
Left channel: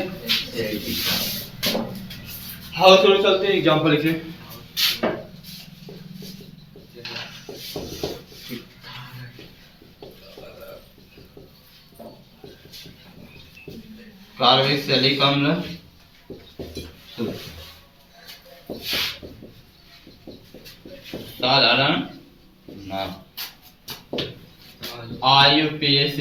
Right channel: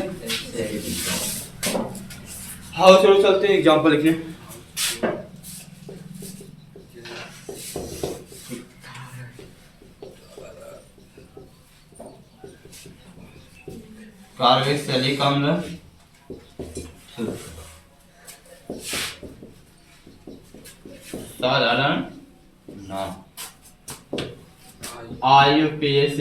हाँ चलो चलते हैं एग्जांपल लिखने। कार्बोक्सिलिक अम्ल, साधारण नाम, IUPAC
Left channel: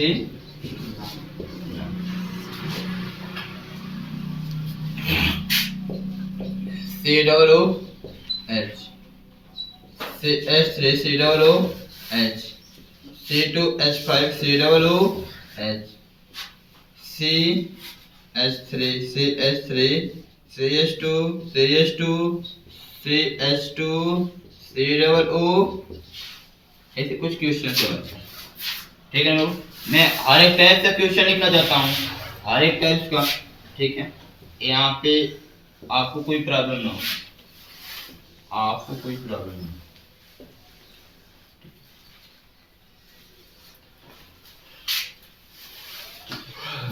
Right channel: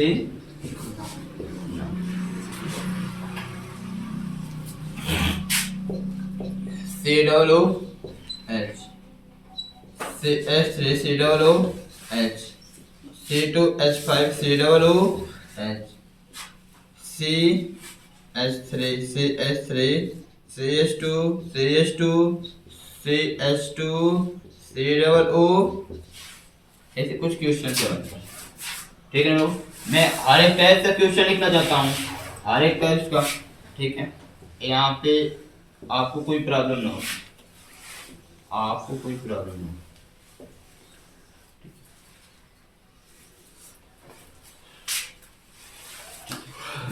COOH, CH3 COOH, C2H5 COOH, CH3 CH3 CH2 CH2 CH2 COO, ऐसे कुछ क्वेश्चन है, ठीक है। मैं हर एक टाइप का क्वेश्चन लिखना चाहता हूँ, हर एक टाइप का, ठीक है। यहाँ पे आपको कोई प्रॉब्लम ना हो, आपको कोई प्रॉब्लम ना हो।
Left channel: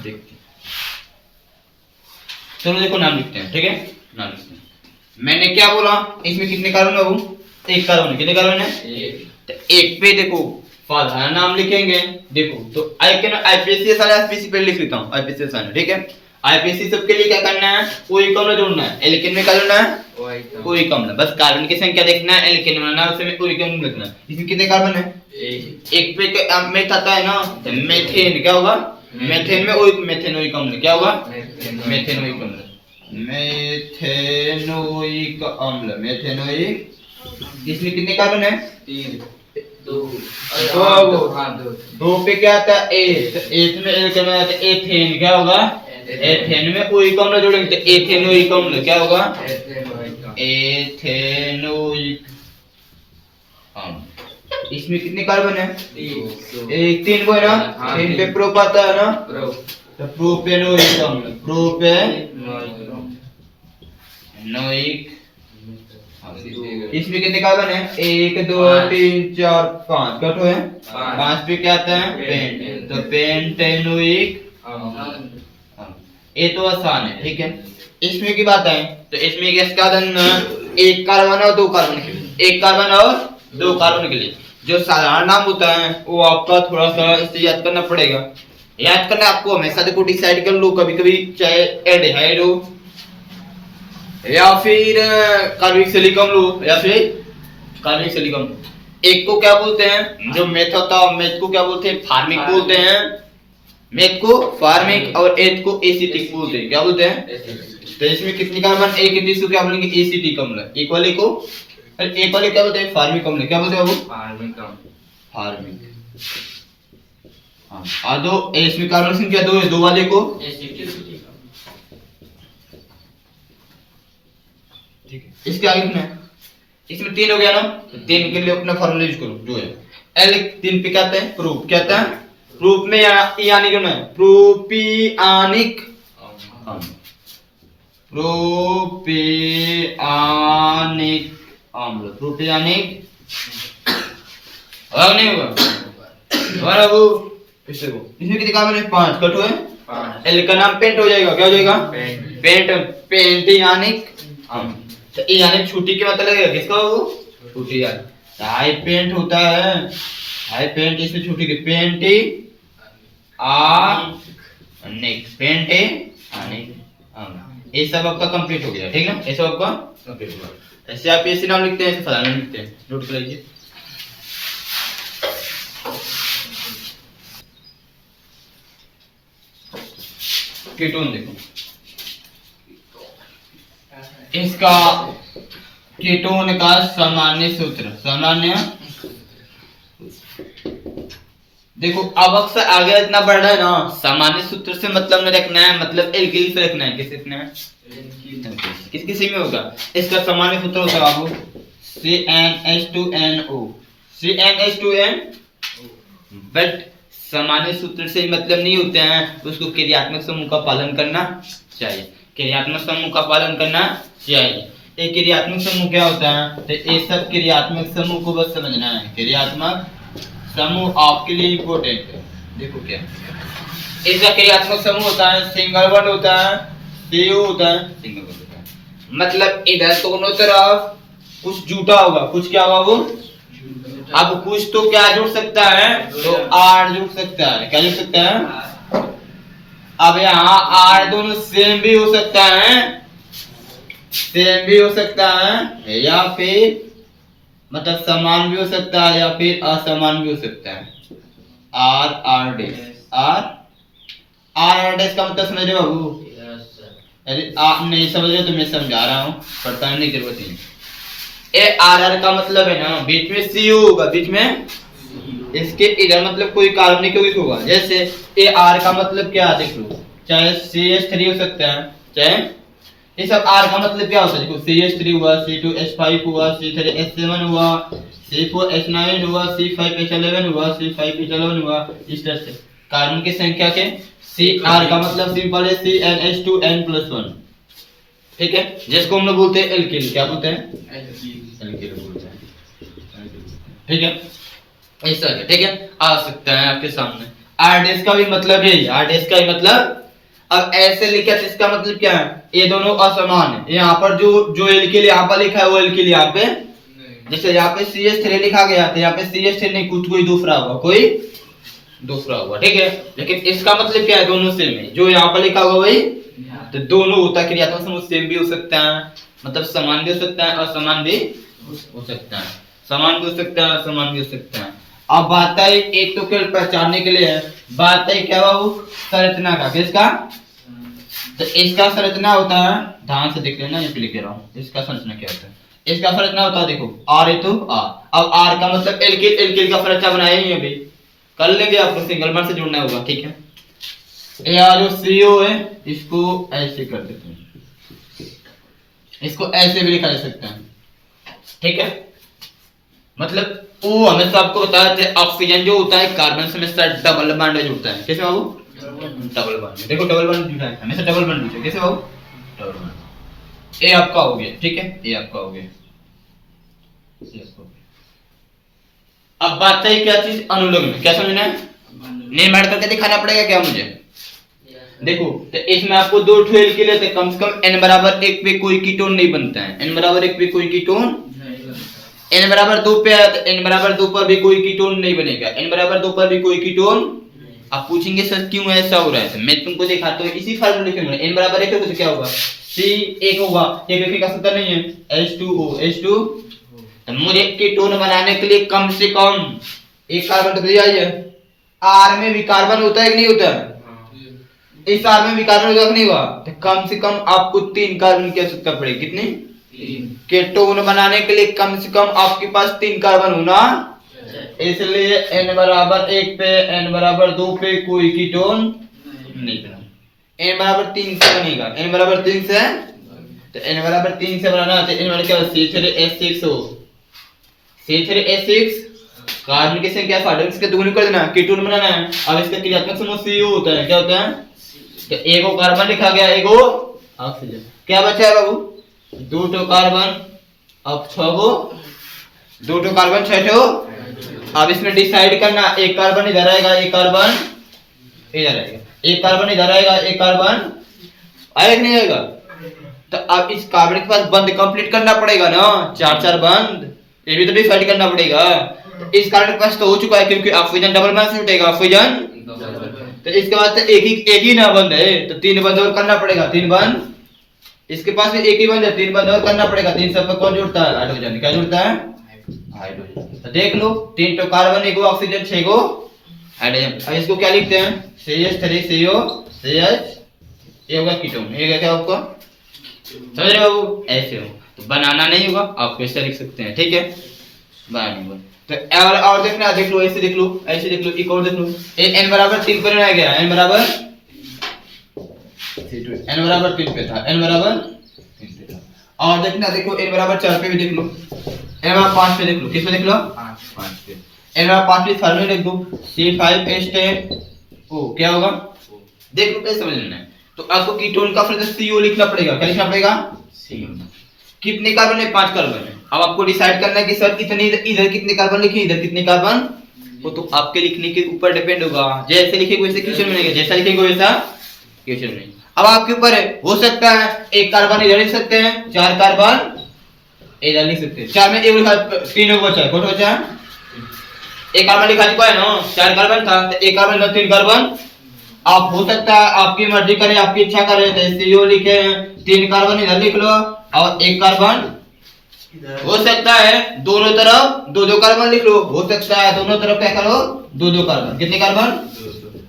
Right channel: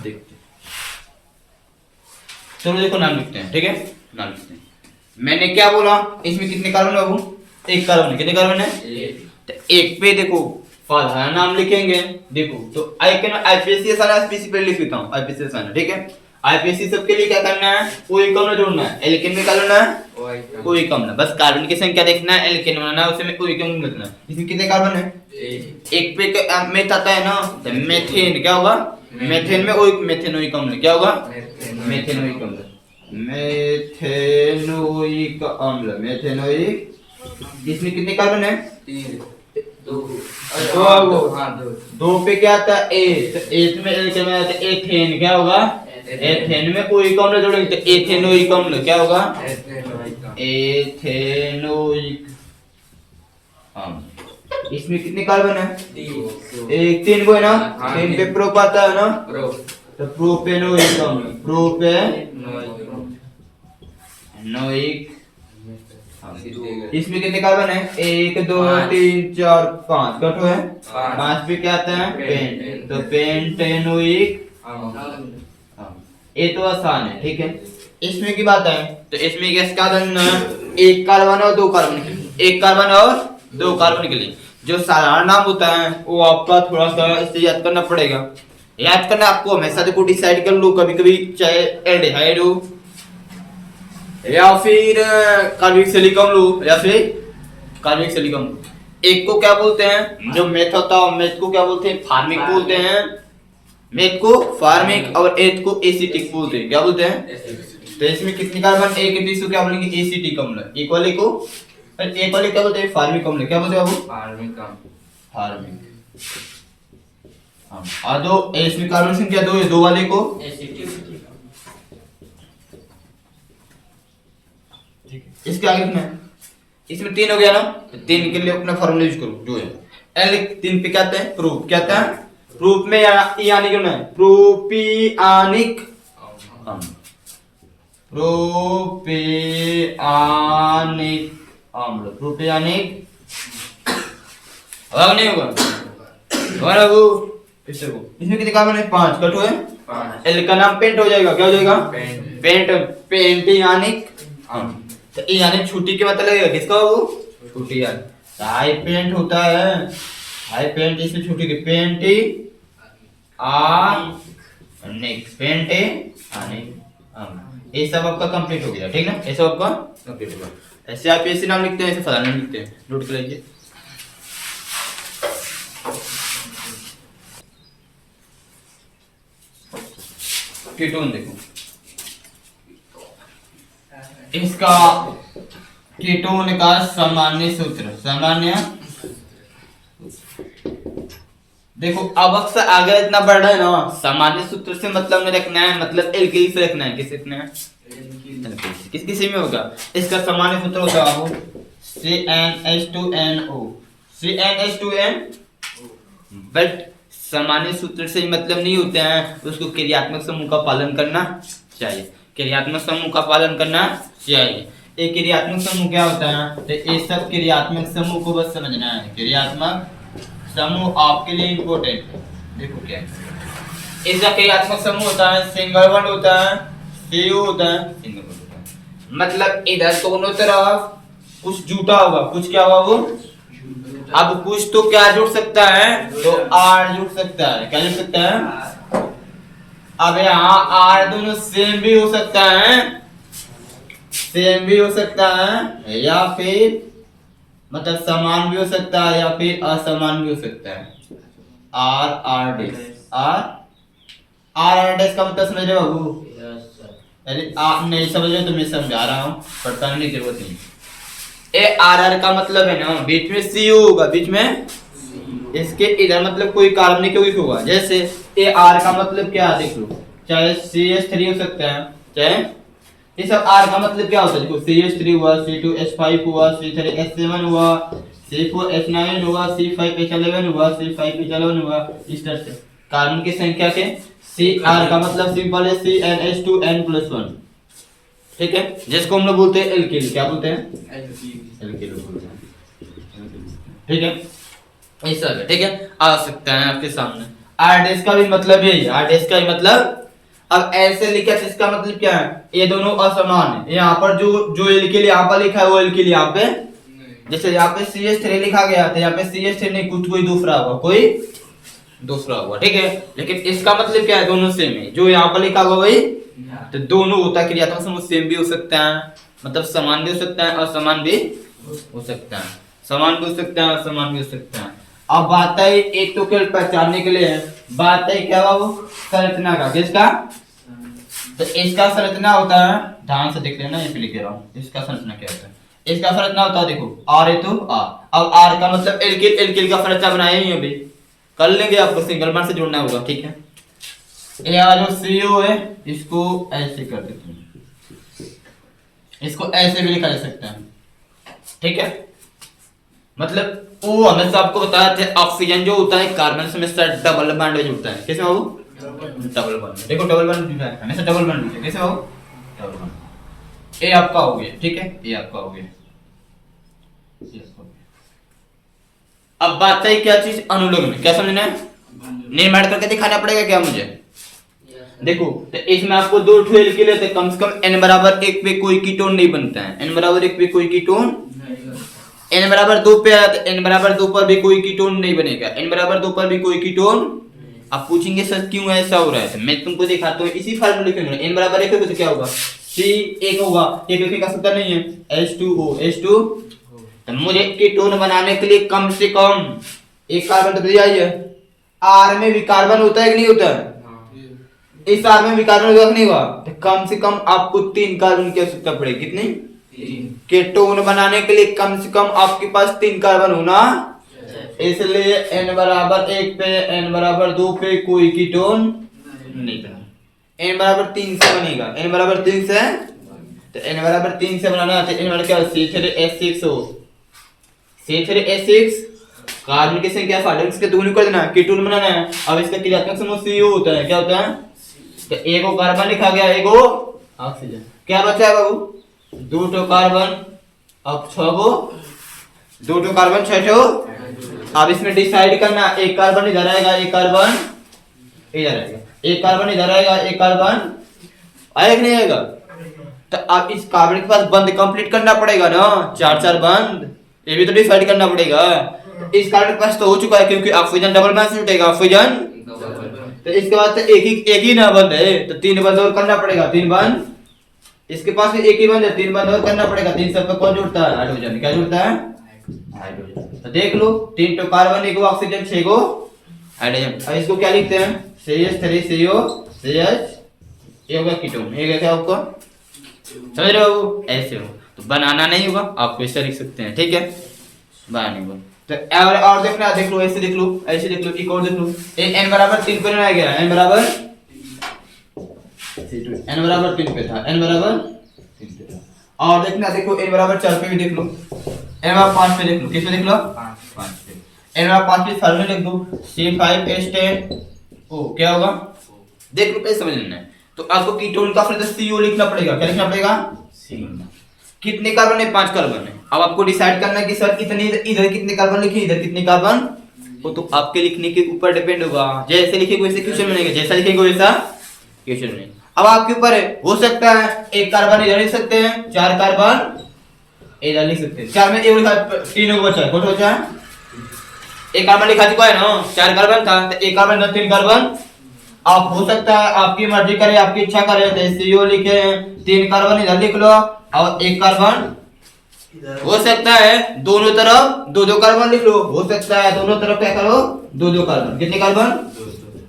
देखते हैं, चलो देखो नाम लिखते हैं, ठीक है, नाम लिखते हैं। मैंने क्या बोला, इसमें कितने कार्बन है बाबू, एक कार्बन, कितने कार्बन है, तो एक पे देखो साधारण नाम लिखेंगे, देखो तो आईपीसी सारा एसपीसी पे लिख लेता हूँ, आईपीसी सारा, ठीक है। आईपीसी सबके लिए क्या करना है, कोई कम जोड़ना है, एल्केन में क्या जोड़ना है, कोई कम ना, बस कार्बन की संख्या देखना है, एल्केन बनाना है, उसमें कोई कम लिखना है। इसमें कितने कार्बन है, एक पे क्या मेथ आता है ना, तो मेथेन क्या होगा, मेथेन में कोई मेथेनोइक अम्ल, क्या होगा, मेथेनोइक अम्ल, मेथेनोइक अम्ल, मेथेनोइक। इसमें कितने कार्बन है, 3 दो पे क्या आता है, एथ में एल्केन में आता है एथेन, क्या होगा, एथेन में ओइक अम्ल जोड़ेंगे तो एथेनोइक अम्ल, क्या होगा, एथेनोइक अम्ल। इसमें कितने कार्बन है, एक 3 को है ना, 3 पे प्रोप आता है ना, तो प्रोपेनोइक अम्ल, प्रोपेनोइक। इसमें कितने कार्बन है, 1 2 3 4 5, कटो है, 5 पे क्या आता है, पेंट, तो पेंटेनोइक। ये तो आसान है, ठीक है। इसमें की बात है, तो इसमें गैस का एक कार्बन और 2 कार्बन के लिए, एक कार्बन और 2 कार्बन के लिए जो साधारण नाम होता है वो आपका थोड़ा सा इससे याद करना पड़ेगा। याद करना आपको हमेशा, देखो डिसाइड कर लो, कभी कभी चाहे एल्डिहाइड हो या फिर कार्बोक्सिलिक अम्ल लो, या फिर कार्बोक्सिलिक अम्ल। एक को क्या बोलते हैं, जो मेथ होता है मेथ को क्या बोलते हैं, फार्मिक बोलते हैं, मेथ को फार्मिक, और एथ को एसिटिक बोलते हैं, क्या बोलते हैं। तो इसमें कितनी कार्बन, एक इसको क्या बोलेंगे, एसिटिक अम्ल। एक वाले को, एक वाले क्या बोलते हैं, फार्मिक अम्ल, क्या बोलते हैं बाबू, फार्मिक अम्ल, फार्मिक। हां, दो इसमें कार्बन संख्या 2 है, दो वाले को एसिटिक। ठीक है, इसके आगे लिखना है, इसमें 3 हो गया ना, तो 3 के लिए अपना फार्मूला यूज करो, जो है एल 3 पे क्या आता है, प्रूफ, क्या आता है, प्रूफ में यानी क्यों ना है, प्रोपियानिक अम्ल, प्रोपियानिक अम्ल, प्रोपियानिक अब नहीं होगा हमारा वो किससे वो इसमें कितने काम है 5 कट हुए 5 एल का नाम पेंट हो जाएगा क्या हो जाएगा पेंट पेंट यानी तो ये यानी छुट्टी के मतलब लगेगा किसका वो छुट्टी यानी हाई पेंट होता है हाई पेंट इसमें छुट्टी के पेंट आ नेक्स्ट पेंट आने ये सब आपका कंप्लीट हो गया ठीक है ये सब आपका कंप्लीट हो गया ऐसे आप ऐसे नाम लिखते हैं ऐसे फलाना लिखते हैं नोट कर लीजिए कीटोन देखो इसका कीटोन का सामान्य सूत्र सामान्य देखो अब अक्सर आगे इतना बढ़ रहा है ना सामान्य सूत्र से मतलब नहीं रखना है मतलब एल्किल से रखना है किस रखना है किस किसी में होगा इसका सामान्य सूत्र होता है बाबू CnH2NO CnH2N बट सामान्य सूत्र से मतलब नहीं होता है उसको क्रियात्मक समूह का पालन करना चाहिए क्रियात्मक समूह का पालन करना चाहिए एक क्रियात्मक समूह क्या होता है तो ये सब क्रियात्मक समूह को बस समझना है क्रियात्मक समूह आपके लिए इंपॉर्टेंट है देखो क्या इसका क्रियात्मक समूह होता है सिंगल बॉन्ड होता है CO होता है सिंगल बॉन्ड होता है मतलब इधर दोनों तरफ कुछ जुटा होगा कुछ क्या होगा वो अब कुछ तो क्या जुड़ सकता है तो R जुड़ सकता है क्या जुड़ सकता है अब यहाँ R दोनों सेम भी हो सकता है सेम भी हो सकता है या फिर मतलब समान भी हो सकता है या फिर असमान भी हो सकता है R डैश R डैश का मतलब समझ रहे हो बाबू अरे आप नहीं समझ रहे तो मैं समझा रहा हूँ पढ़ने की जरूरत नहीं ए R का मतलब है ना बीच में CO होगा बीच में इसके इधर मतलब कोई कार्बनिक यौगिक होगा जैसे ए R का मतलब क्या है देख लो चाहे CH3 हो सकता है चाहे ये सब R का मतलब क्या होता है देखो CH3 हुआ C2H5 हुआ C3H7 हुआ C4H9 हुआ C5H11 हुआ C5H11 हुआ इस तरह से कार्बन की संख्या के CR का मतलब सिंपल है CnH2n+1 ठीक है जिसको हम लोग बोलते हैं एल्किल क्या बोलते हैं एल्किल बोलते हैं ठीक है ऐसा है ठीक है आ सकता है आपके सामने R डैश का भी मतलब है R डैश का भी मतलब अब ऐसे लिखा तो इसका मतलब क्या है ये दोनों असमान है यहाँ पर जो एल्किल यहाँ पर लिखा है वो एल्किल यहाँ पे जैसे यहाँ पे CH3 लिखा गया था यहाँ पे CH3 नहीं कुछ कोई दूसरा होगा ठीक है लेकिन इसका मतलब क्या है दोनों सेम है जो यहाँ पर लिखा हुआ वही तो दोनों होता है क्रियात्मक समूह सेम भी हो सकता है मतलब समान भी हो सकता है असमान भी हो सकता है समान भी हो सकता है असमान भी हो सकता है अब बात है एक तो केवल पहचानने के लिए बात है क्या वो संरचना का किसका तो इसका संरचना होता है ध्यान से देख लेना ये लिख रहा हूँ इसका संरचना क्या होता है इसका संरचना होता है देखो R है तो R अब R का मतलब एल्किल का संरचना बनाया ही अभी कर लेंगे आपको सिंगल बॉन्ड से जोड़ना होगा ठीक है यह जो CO है इसको ऐसे कर देते हैं इसको ऐसे भी लिखा जा सकता है ठीक है मतलब वो हमेशा आपको बताया थे ऑक्सीजन जो होता है कार्बन से हमेशा डबल बॉन्ड में जुड़ता है कैसे बाबू डबल बॉन्ड देखो डबल बॉन्ड लिखा है हमेशा डबल बॉन्ड लिखा है कैसे बाबू डबल बॉन्ड ये आपका हो गया ठीक है ये आपका हो गया अब बात है क्या चीज अनुलोम क्या समझना है नहीं मैड करके दिखाना पड़ेगा क्या मुझे देखो तो इसमें आपको दो ठेल के लिए कम से कम n बराबर 1 पे कोई कीटोन नहीं बनता है n बराबर 1 पे कोई कीटोन n बराबर 2 पे है तो n बराबर 2 पर भी कोई कीटोन नहीं बनेगा n बराबर 2 पर भी कोई कीटोन आप पूछेंगे सर क्यों ऐसा हो रहा है तो मैं तुमको दिखाता हूँ इसी फार्मूले के अंदर n बराबर 1 पे क्या होगा C एक होगा एक लिखने का सूत्र नहीं है H2O तो मुझे कीटोन बनाने के लिए कम से कम एक कार्बन तो दिया है R में भी कार्बन होता है कि नहीं होता है इस R में भी कार्बन होगा कि नहीं होगा तो कम से कम आपको 3 कार्बन की आवश्यकता पड़ेगी कितनी 3 कीटोन बनाने के लिए कम से कम आपके पास 3 कार्बन होना इसलिए n बराबर 1 पे n बराबर 2 पे कोई कीटोन नहीं बनेगा n बराबर 3 से बनेगा n बराबर 3 से तो n बराबर 3 से बनाना तो n बराबर क्या C3H6 हो C3H6 कार्बन की संख्या फार्डक्स के दोगुनी कर देना कीटोन बनाना है अब इसका क्रियात्मक समूह CO होता है क्या होता है तो एक को कार्बन लिखा गया एक को ऑक्सीजन क्या बचा है बाबू 2 कार्बन अब 6 को 2 कार्बन 6 अब इसमें डिसाइड करना, एक कार्बन इधर आएगा, एक कार्बन इधर आएगा, एक कार्बन इधर आएगा, एक कार्बन आएगा कि नहीं आएगा? तो अब इस कार्बन के पास बंद कंप्लीट करना पड़ेगा ना, चार चार बंद, ये भी तो डिसाइड करना पड़ेगा। तो इस कार्बन के पास तो हो चुका है क्योंकि ऑक्सीजन डबल बॉन्ड से उठेगा ऑक्सीजन, तो इसके बाद तो एक ही ना बंद है, तो तीन बंद और करना पड़ेगा, तीन बंद। इसके पास भी एक ही बंद है, तीन बंद और करना पड़ेगा। तीन सब पे कौन जुड़ता है? हाइड्रोजन। क्या जुड़ता है? हाइड्रोजन। तो देख लो, तीन तो कार्बन, एक ऑक्सीजन, छह को हाइड्रोजन। अब इसको क्या लिखते हैं? CH3CO CH, ये होगा कीटोन, ये क्या आपको समझ रहे हो? ऐसे हो तो बनाना नहीं होगा, आपको ऐसे लिख सकते हैं, ठीक है? बनाने को तो और देखना, देख लो, ऐसे देख लो, ऐसे देख लो, एक और देख लो। n बराबर 3 पर आ गया, n बराबर 3 पे था, n बराबर 3 पे था। और देखना, देखो n बराबर 4 पे भी देख लो, n बराबर 5 पे देख लो, किस पे देख लो? 5 पे। n बराबर 5 पे फार्मूला लिख दो, C5H10O, क्या होगा? देख लो कैसे समझना है। तो आपको कीटोन का फिर CO लिखना पड़ेगा। क्या लिखना पड़ेगा? CO। कितने कार्बन है? 5 कार्बन है। अब आपको डिसाइड करना है कि सर कितने, इधर कितने कार्बन लिखे, इधर कितने कार्बन, वो तो आपके लिखने के ऊपर डिपेंड होगा। जैसे लिखेंगे वैसे क्वेश्चन बनेगा, जैसा लिखेंगे वैसा क्वेश्चन बनेगा। अब आपके ऊपर है, हो सकता है एक कार्बन इधर लिख सकते हैं, चार कार्बन इधर लिख सकते हैं। चार में एक लिखा, तीन को बचा है, कौन बचा है? एक कार्बन लिखा चुका है ना, चार कार्बन था, तो एक कार्बन का तीन कार्बन। आप हो सकता है आपकी मर्जी करे, आपकी इच्छा करे तो CO लिखे, तीन कार्बन इधर लिख लो और एक कार्बन, हो सकता है दोनों तरफ दो दो कार्बन लिख लो, हो सकता है दोनों तरफ क्या करो, दो दो कार्बन। कितने कार्बन?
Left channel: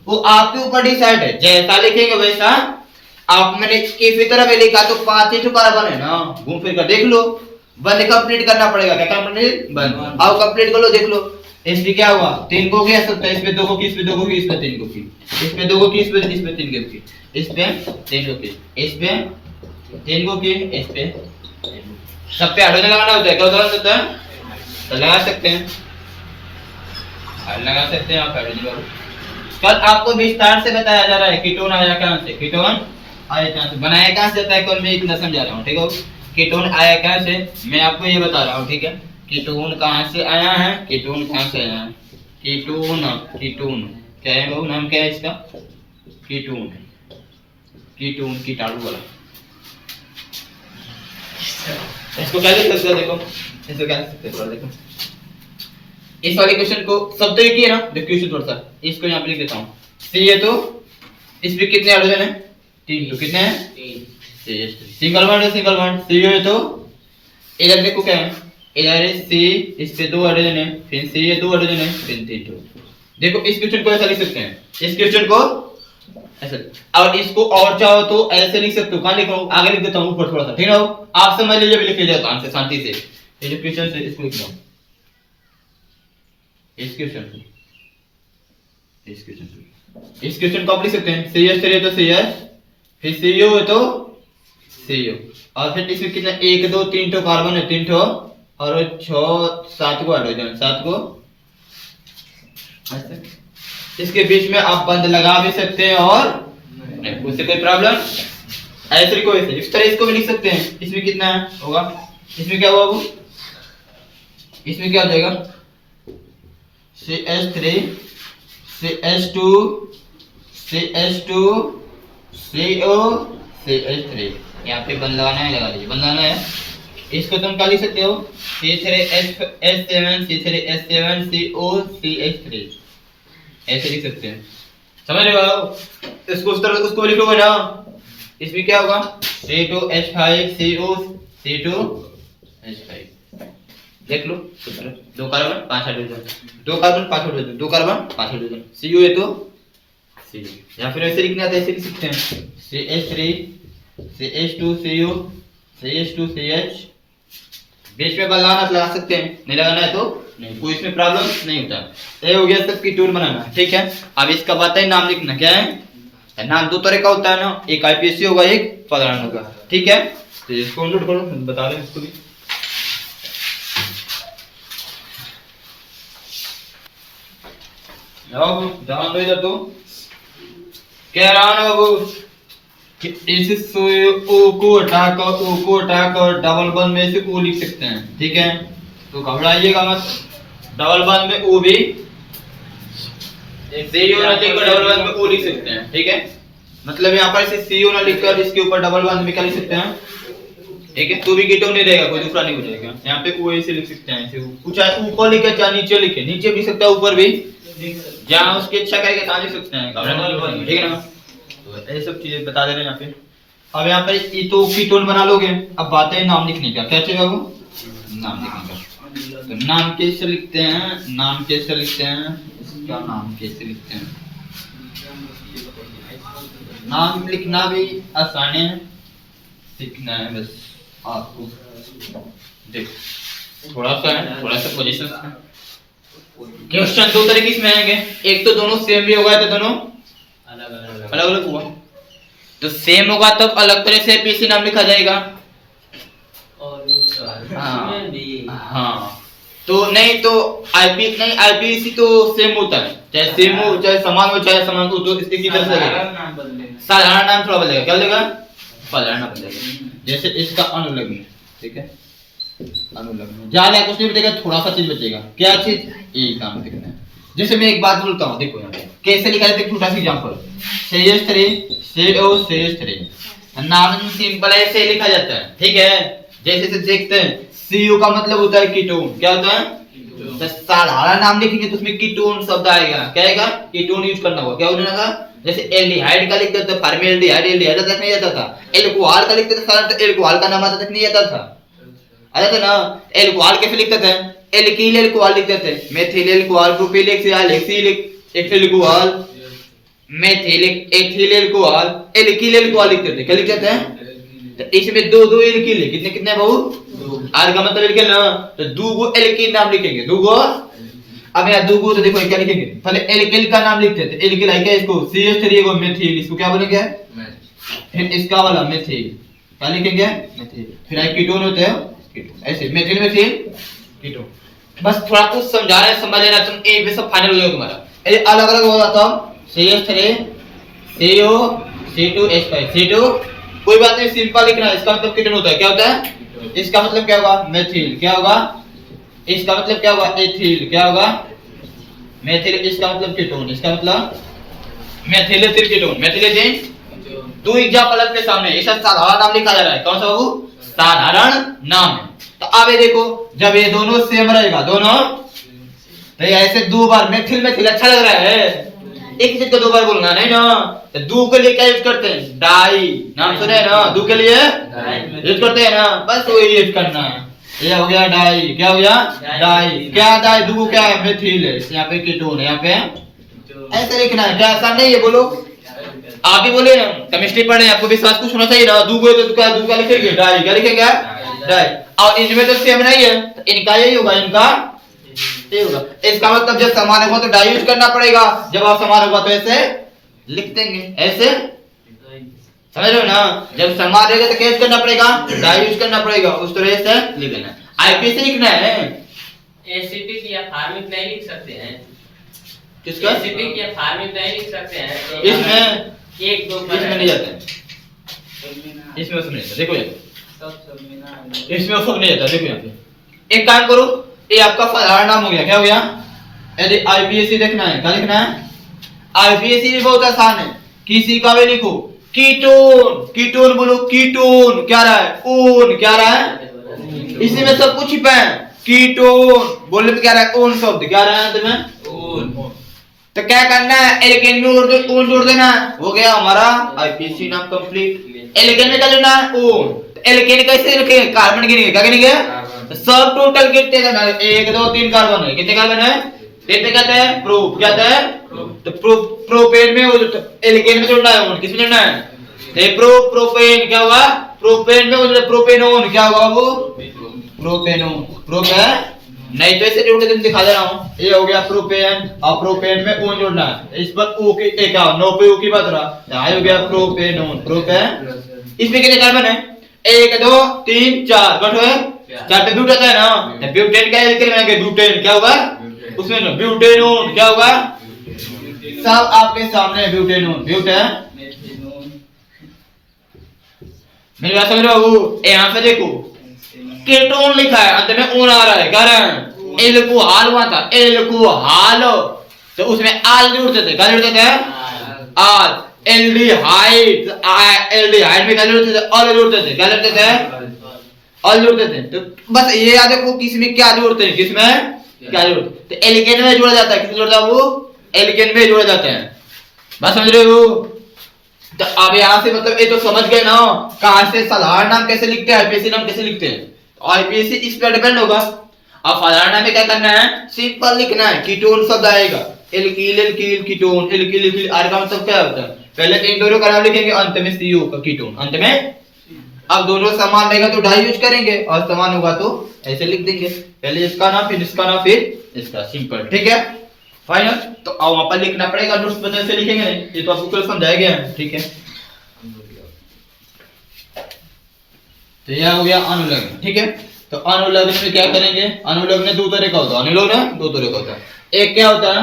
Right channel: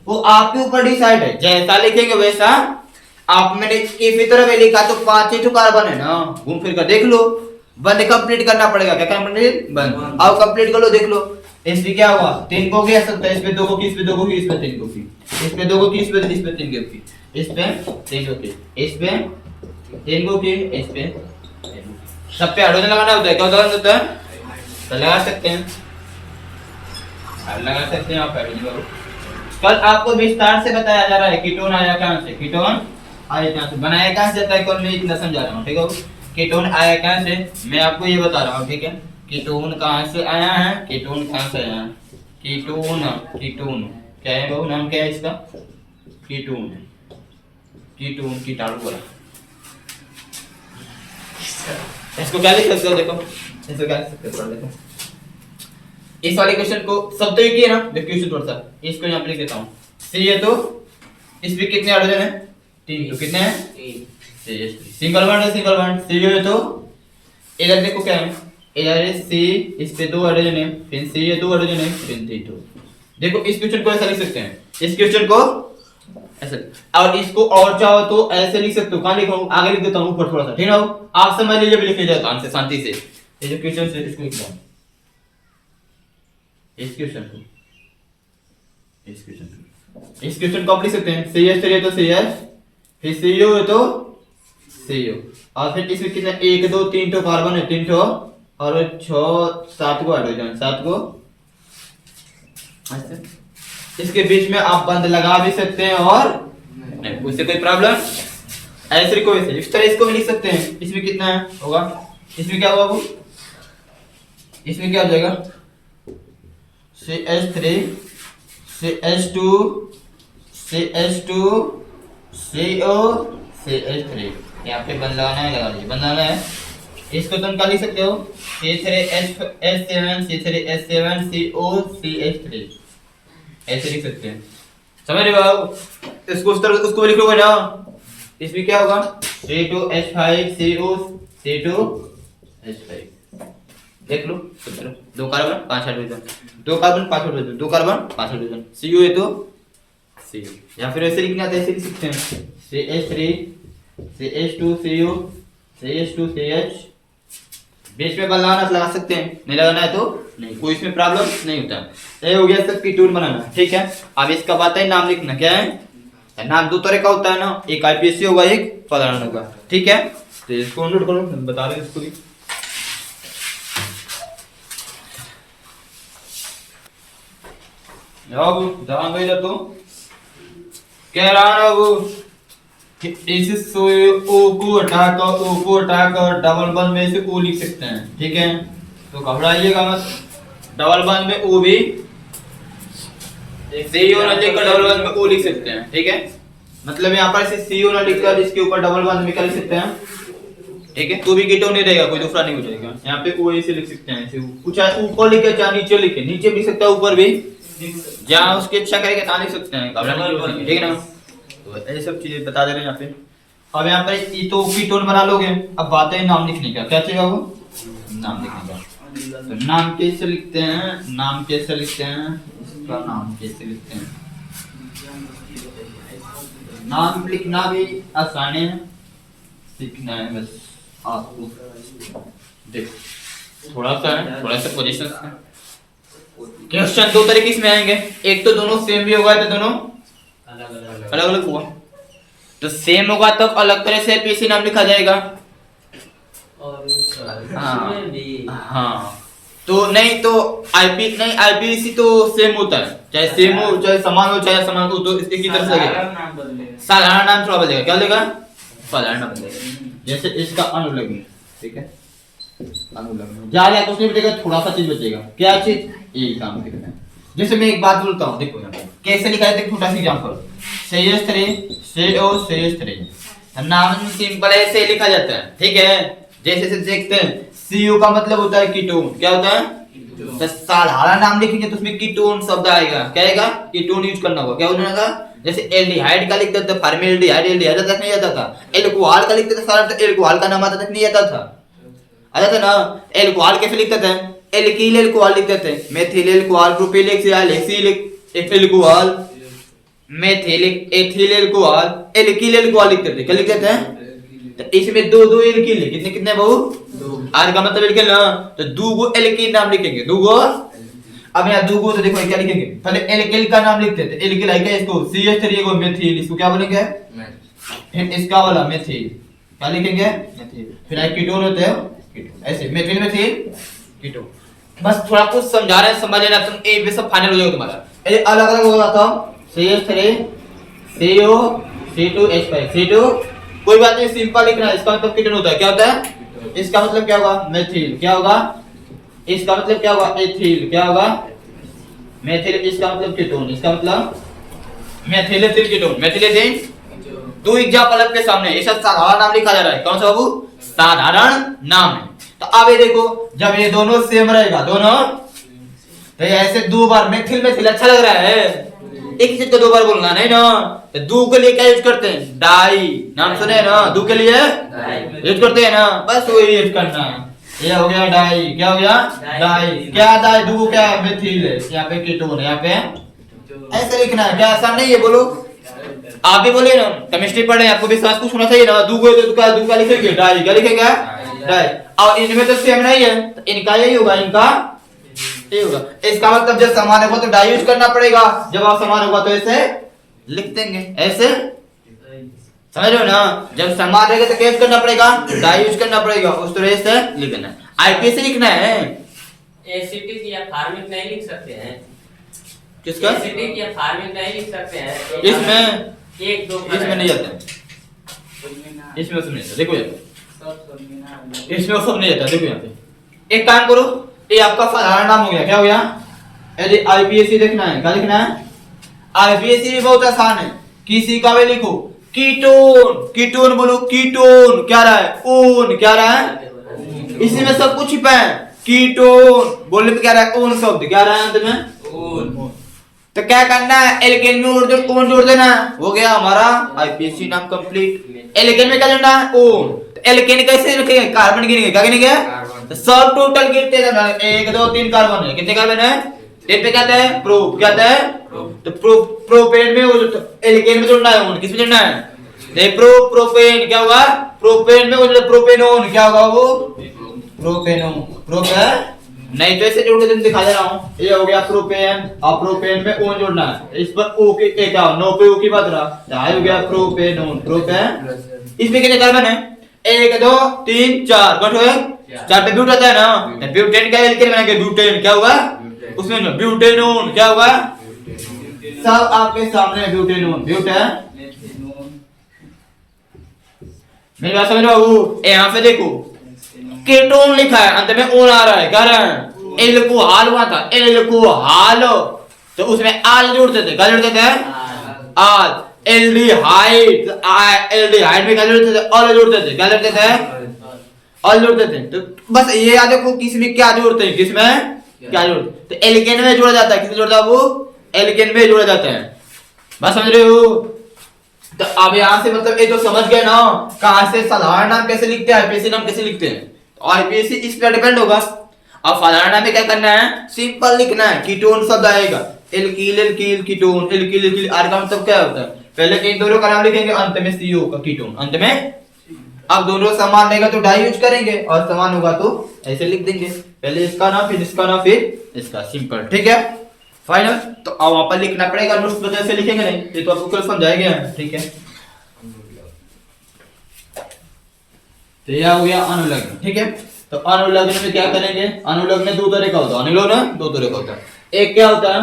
वो आपके ऊपर डिसाइड है, जैसा लिखेंगे वैसा। आप मैंने किसी तरफ लिखा तो 5 ही कार्बन है ना, घूम फिर कर देख लो, बंद कंप्लीट करना पड़ेगा। क्या कंप्लीट? बंद। अब कंप्लीट कर लो, देख लो इसमें क्या हुआ, 3 को गया सकता है, इसमें 2 को की, इसमें 2 को की, इसमें 3 को की, इसमें 2 को की, इसमें 3 को की, इसमें 3 को की, इसमें 3 को की, इसमें सब पे हाइड्रोजन लगाना होता है। क्या लगा सकते हैं? तो लगा सकते हैं, लगा सकते हैं आप हाइड्रोजन को। कल आपको विस्तार से बताया जा रहा है कीटोन आया कहां से, कीटोन आया कहां से, बनाया कहां से जाता है, कल मैं इतना समझा रहा हूं, ठीक है? कीटोन आया कहां से, मैं आपको ये बता रहा हूं, ठीक है? कीटोन कहां से आया है, कीटोन कहां से आया है, कीटोन, कीटोन क्या है बाबू, नाम क्या है इसका? कीटोन, कीटोन कीटाणु वाला। इसको क्या लिख सकते हो, देखो इसको क्या लिख सकते हो, देखो इस वाले क्वेश्चन को सब तो एक ही है ना, देखो क्वेश्चन थोड़ा सा इसको यहां पे लिख देता हूं। सी है तो इसमें कितने हाइड्रोजन है? 3। तो कितने हैं? 3। सिंगल बॉन्ड है, सिंगल बॉन्ड। सी है तो इधर देखो क्या है, इधर है C, इस पे 2 हाइड्रोजन है, फिर C है 2 हाइड्रोजन है, फिर 3। देखो इस क्वेश्चन को ऐसा लिख सकते हैं, इस क्वेश्चन को ऐसे, और इसको और चाहो तो ऐसे लिख सकते हो। कहां लिखो, आगे लिख देता हूं ऊपर थोड़ा सा, ठीक है? आप समझ लीजिए, भी लिख जाए काम से, शांति से। ये जो क्वेश्चन है इसको लिख दो, इस क्वेश्चन को, इस क्वेश्चन को आप लिख सकते हैं। CH3 है तो CH, फिर CO है तो CO, और फिर इसमें कितना 1 2 3 तो कार्बन है, 3 तो, और 6 7 को हाइड्रोजन, 7 को। इसके बीच में आप बंद लगा भी सकते हैं और नहीं, उससे कोई प्रॉब्लम ऐसे को ऐसे इस तरह इसको भी लिख सकते हैं। इसमें कितना होगा, इसमें क्या होगा वो, इसमें क्या हो जाएगा, CH3 CH2 CH2 CO CH3, यहाँ पे बंद लगाना है, लगा लीजिए, बंद लगाना है। इसको तुम क्या लिख सकते हो, C3H7 C3H7 CO CH3, ऐसे लिख सकते हैं, समझ रहे हो आप? इसको उस तरह उसको लिखोगे ना, इसमें क्या होगा, C2H5 CO C2H5, देख लो, 2 carbon 5 hydrogen, 2 carbon 5 hydrogen, 2 carbon 5 hydrogen, CO है तो C, या फिर ऐसे लिखना है तो ऐसे लिख सकते हैं, CH3 CH2 CO CH2 CH, बीच में लगाना लगा सकते हैं, नहीं लगाना है तो नहीं, कोई इसमें प्रॉब्लम नहीं होता। ये हो गया सब कीटोन बनाना, ठीक है? अब इसका बात है नाम लिखना, क्या है नाम? 2 तरह का होता है ना, एक IPSC होगा, एक पदार्थ होगा, ठीक है? तो इसको नोट करो, बता रहे हैं इसको भी। अब ध्यान दो इधर, तो कह रहा है वो इस O को हटाकर डबल बंद में से O लिख सकते हैं, ठीक है? तो घबराइएगा मत, डबल बंद में ओ भी सीओ ना लिखकर डबल बंद में ओ लिख सकते हैं, ठीक है। मतलब यहाँ पर इसे सीओ ना लिखकर इसके ऊपर डबल बंद में क्या लिख सकते हैं, ठीक है। तो भी कीटोन नहीं रहेगा, कोई दूसरा नहीं हो जाएगा। यहाँ पे ओ ऐसे लिख सकते हैं, ऐसे चाहे ऊपर लिखे चाहे नीचे लिखे, नीचे भी लिख सकता है ऊपर भी, जहाँ उसकी इच्छा करेगा तहाँ लिख सकते हैं, ठीक है ना। तो ये सब चीजें बता दे रहे हैं यहाँ पे। अब यहाँ पर ये तो कीटोन बना लोगे, अब बात है नाम लिखने का, क्या चाहिए वो नाम लिखने का। तो नाम कैसे लिखते हैं, नाम कैसे लिखते हैं, इसका नाम कैसे लिखते हैं। नाम लिखना भी आसान है, सीखना है बस आपको। देख थोड़ा सा पोजीशन क्वेश्चन दो तरीके से आएंगे, एक तो दोनों सेम भी होगा, तो दोनों अलग अलग हुआ। तो सेम होगा तब अलग तरह से पीसी नाम लिखा जाएगा, हाँ। तो नहीं तो आईपीसी तो सेम होता है, चाहे सेम हो चाहे समान हो, चाहे समान हो, तो इसके की तरह से साधारण नाम थोड़ा बदलेगा, क्या बदलेगा साधारण नाम बदलेगा। जैसे इसका अनुलग्न, ठीक है, अनुलग्न ज्यादा कुछ नहीं बचेगा, थोड़ा सा चीज बचेगा, क्या चीज ये काम लिखना है। जैसे मैं एक बात बोलता हूँ, देखो यहाँ पे कैसे लिखा है, छोटा सा एग्जांपल, नाम सिंपल ऐसे लिखा जाता है, ठीक है। जैसे देखते हैं सीयू का मतलब होता है कीटोन, क्या होता है, तो साधारण नाम लिखेंगे तो उसमें कीटोन शब्द आएगा, क्या आएगा, कीटोन यूज करना होगा, क्या होगा। जैसे एल्डिहाइड का लिखते थे फॉर्मेल्डिहाइड, एल्डिहाइड तक नहीं आता था। एल्कोहल का लिखते थे सारा एल्कोहल का नाम आता तक नहीं आता था, आता था ना। एल्कोहल कैसे लिखते थे, एल्किल एल्कोहल लिखते थे, methyl alcohol, propyl alcohol, ethyl alcohol, methyl ethyl alcohol, alkyl alcohol लिखते थे, क्या लिखते थे। तो इसमें दो दो एल्किल है, कितने कितने बहु आर का मतलब एल्किल ना, तो दो गो एल्किल नाम लिखेंगे, दो गो। अब यहाँ दो गो तो देखो क्या लिखेंगे, पहले एल्किल का नाम लिखते थे, एल्किल है क्या, इसको CH3 को मेथिल, इसको क्या बोलेंगे, फिर इसका वाला मेथिल क्या लिखेंगे, मेथिल। फिर कीटोन होते हैं कीटोन, ऐसे मेथिल मेथिल कीटोन। बस थोड़ा कुछ समझा रहे हैं, समझ लेना, तुम एक भी सब फाइनल हो जाएगा तुम्हारा। ये अलग अलग हो जाता है, CH3 CO C2H5 C2, कोई बात नहीं, सिंपल लिखना है। इसका मतलब कीटोन होता है, क्या होता है, इसका मतलब क्या होगा, मेथिल, क्या होगा, इसका मतलब क्या होगा, एथिल, क्या होगा, मेथिल, इसका मतलब कीटोन, इसका मतलब methyl ethyl ketone, methyl ethyl. दो एग्जांपल आपके सामने, ये सब साधारण नाम लिखा जा रहा है, कौन सा बाबू, साधारण नाम है। तो अब ये देखो, जब ये दोनों सेम रहेगा, दोनों तो ये ऐसे दो बार मेथिल मेथिल अच्छा लग रहा है, एक चीज को दो बार बोलना नहीं ना। तो दो के लिए क्या यूज करते हैं, डाई, नाम सुने हैं ना, दो के लिए यूज करते हैं ना, बस वही यूज करना है। ये हो गया डाई, क्या हो गया डाई, क्या डाई, दो क्या है, मेथिल है, यहाँ पे कीटोन है, यहाँ पे ऐसे लिखना है, क्या आसान नहीं है, बोलो आप ही बोले ना, केमिस्ट्री पढ़ रहे हैं, आपको विश्वास कुछ होना चाहिए ना। दो को तो दो का लिखेंगे डाई, क्या लिखेंगे डाई, और इनमें तो सेम नहीं है, तो इनका यही होगा, इनका ये होगा। इसका मतलब जब समान होगा तो डाई यूज करना पड़ेगा, जब आप समान होगा तो ऐसे लिख देंगे, ऐसे समझ रहे हो ना। जब समान रहेगा तो क्या करना पड़ेगा, डाई यूज करना पड़ेगा, उस तरह से लिख देना। आईपीसी लिखना है, एसिटिक या फार्मिक नहीं लिख सकते हैं, किसका, एसिटिक या फार्मिक नहीं लिख सकते हैं, इसमें एक दो इसमें नहीं जाता है, इसमें सुनिए देखो, इसमें सब नहीं जाता, देखो यहाँ पे। एक काम करो, ये आपका साधारण नाम हो गया, क्या हो गया, यदि आईपीएससी देखना है, क्या लिखना है, आईपीएससी भी बहुत आसान है, किसी का भी लिखो, कीटोन, कीटोन बोलो, कीटोन क्या रहा है, ओन क्या रहा है, इसी में सब कुछ छिपा है। कीटोन बोलने में क्या रहा है, ओन शब्द क्या रहा है तुम्हें, ओन। तो क्या करना है, एल्केन में ओन जोड़ देना, हो गया हमारा आईपीएससी नाम कंप्लीट। एल्केन में क्या लेना है, ओन। एल्केन कैसे लिखेंगे, कार्बन गिनेंगे, क्या गिनेंगे, सब टोटल गिनते हैं, 1 2 3 कार्बन है, कितने कार्बन है, 3 पे कहते हैं प्रोप, क्या कहते हैं, तो प्रोपेन में एल्केन में जोड़ना है, किसमें जोड़ना है, प्रोपेन, क्या होगा, प्रोपेन में प्रोपेनोन, क्या होगा वो, प्रोपेनोन, प्रोप है नहीं, तो ऐसे जोड़ के दिखा दे रहा हूं, ये हो गया प्रोपेन, और प्रोपेन में ओन जोड़ना है, इस पर ओ की एक 9 पे ओ की बात रहा, हो गया प्रोपेनोन, प्रोपेन। इसमें कितने कार्बन है, 1 2 3 4, गठो है 4 पे ब्यूट आता है ना, तो ब्यूटेन क्या एल्केन बनेगा, ब्यूटेन क्या होगा, उसमें ब्यूटेनोन क्या होगा, सब आपके सामने ब्यूटेनोन, ब्यूटेन। मेरी बात समझ रहे हो, यहाँ पे देखो कीटोन लिखा है, अंत में ओन आ रहा है, कारण एल्कोहल हुआ था, एल्कोहल, तो उसमें आल जोड़ते थे, क्या जोड़ते थे? आल। एल्डिहाइड, एल्डिहाइड में क्या जोड़ते थे? अल जोड़ते थे, क्या जोड़ते थे? अल जोड़ते थे। तो बस ये याद रखो किसमें क्या जोड़ते हैं, किसमें क्या जोड़ते हैं। तो एल्केन में जोड़ा जाता है, किसमें जोड़ता है वो? एल्केन में जोड़ा जाता है। बस समझ रहे हो? तो अब यहाँ से मतलब ये तो समझ गए ना कहां से साधारण नाम कैसे लिखते हैं, आईपीएसी नाम कैसे लिखते हैं। और आईपीएसी इस पर डिपेंड होगा। अब साधारण नाम में क्या करना है? सिंपल लिखना है, कीटोन शब्द आएगा, alkyl alkyl ketone, alkyl alkyl, R का मतलब क्या होता है? पहले इन दोनों का नाम लिखेंगे, अंत में सीओ का कीटोन, अंत में। अब दोनों समान रहेगा तो डाई यूज करेंगे, और समान होगा तो ऐसे लिख देंगे, पहले इसका नाम फिर इसका नाम फिर इसका, सिंपल, ठीक है, फाइनल। तो अब वहां पर लिखना पड़ेगा, नोट्स बदल से लिखेंगे नहीं, ये तो आपको केवल समझाया गया है, ठीक है। तो यह हो गया अनुलग्न, ठीक है। तो अनुलग्न में क्या करेंगे? अनुलग्न दो तरह का होता है, अनुलग्न दो तरह का होता है। एक क्या होता है,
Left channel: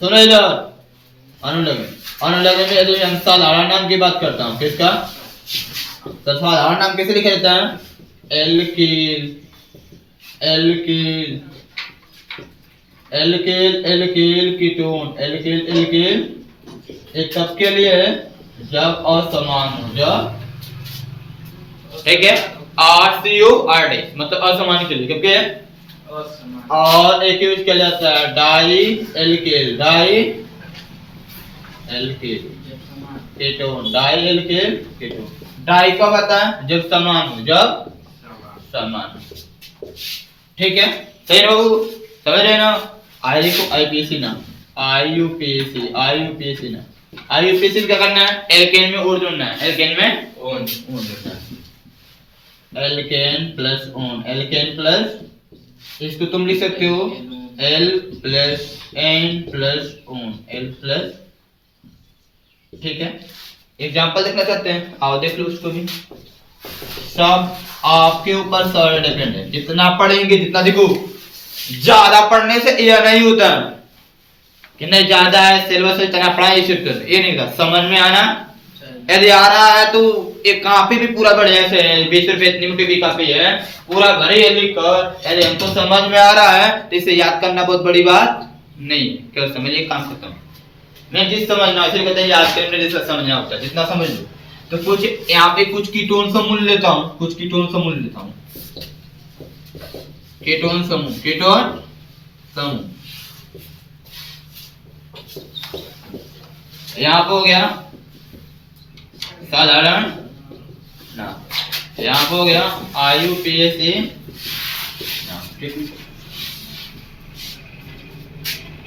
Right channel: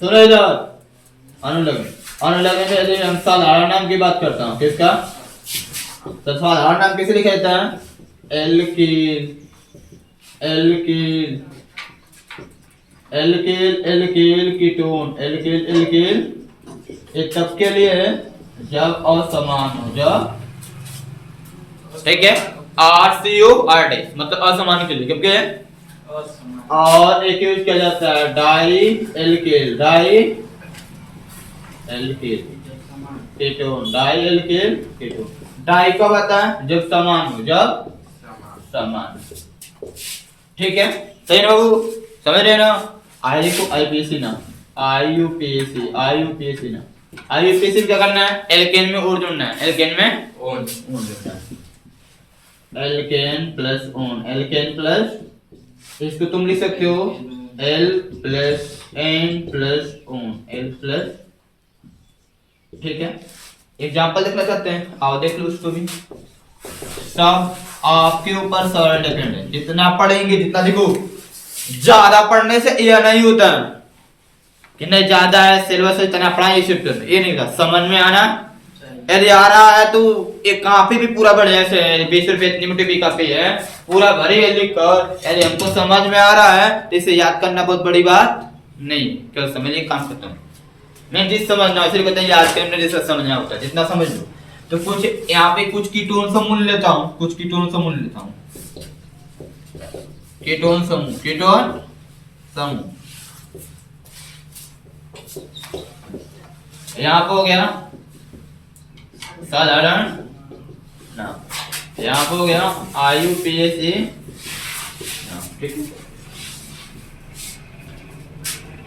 सुनो इधर, अनुलग्न। अनुलग्न में यदि हम साधारण नाम की बात करता हूँ, किसका? तो साधारण नाम कैसे लिखा जाता है? Alkyl alkyl alkyl alkyl ketone, alkyl alkyl. एक तब के लिए जब असमान हो, जब, ठीक है, RCORD मतलब असमान के लिए, क्योंकि और एक यूज किया जाता है di alkyl, di alkyl ketone, di alkyl ketone. Di कब आता है? जब समान हो, जब समान, ठीक है, सही ना बाबू, समझ रहे ना? आई को आईपीएसी ना, आईयूपीएसी, आईयूपीएसी ना, आईयूपीएसी क्या करना है? एल्केन में ओन जोड़ना है, एल्केन में ओन जोड़ना है, alkane plus one, alkane plus, इसको तुम लिख सकते हो al plus ane plus one, al plus, ठीक है। एग्जांपल देखना चाहते हैं, आओ देख लो उसको भी। सब आपके ऊपर सारा डिपेंड है, जितना पढ़ेंगे जितना, देखो ज्यादा पढ़ने से यह नहीं होता कि नहीं ज्यादा है सिलेबस इतना पढ़ाई, ये नहीं था, समझ में आना। यदि आ रहा है तो एक काफी भी पूरा बढ़ जाए, 20 रुपए इतनी मोटी भी काफी है, पूरा भरे लिख कर, यदि हमको समझ में आ रहा है तो इसे याद करना बहुत बड़ी बात नहीं, केवल समझिए, काम खत्म। मैं जिस समझना सिर्फ कहते हैं याद करने जैसा समझना होता है, जितना समझ लो। तो कुछ यहाँ पे कुछ कीटोन समूह लेता हूँ, कुछ कीटोन समूह लेता हूँ, कीटोन समूह, कीटोन समूह यहाँ पे हो गया साधारण नाम, यहाँ पे हो गया आईयूपीएसी नाम, ठीक है।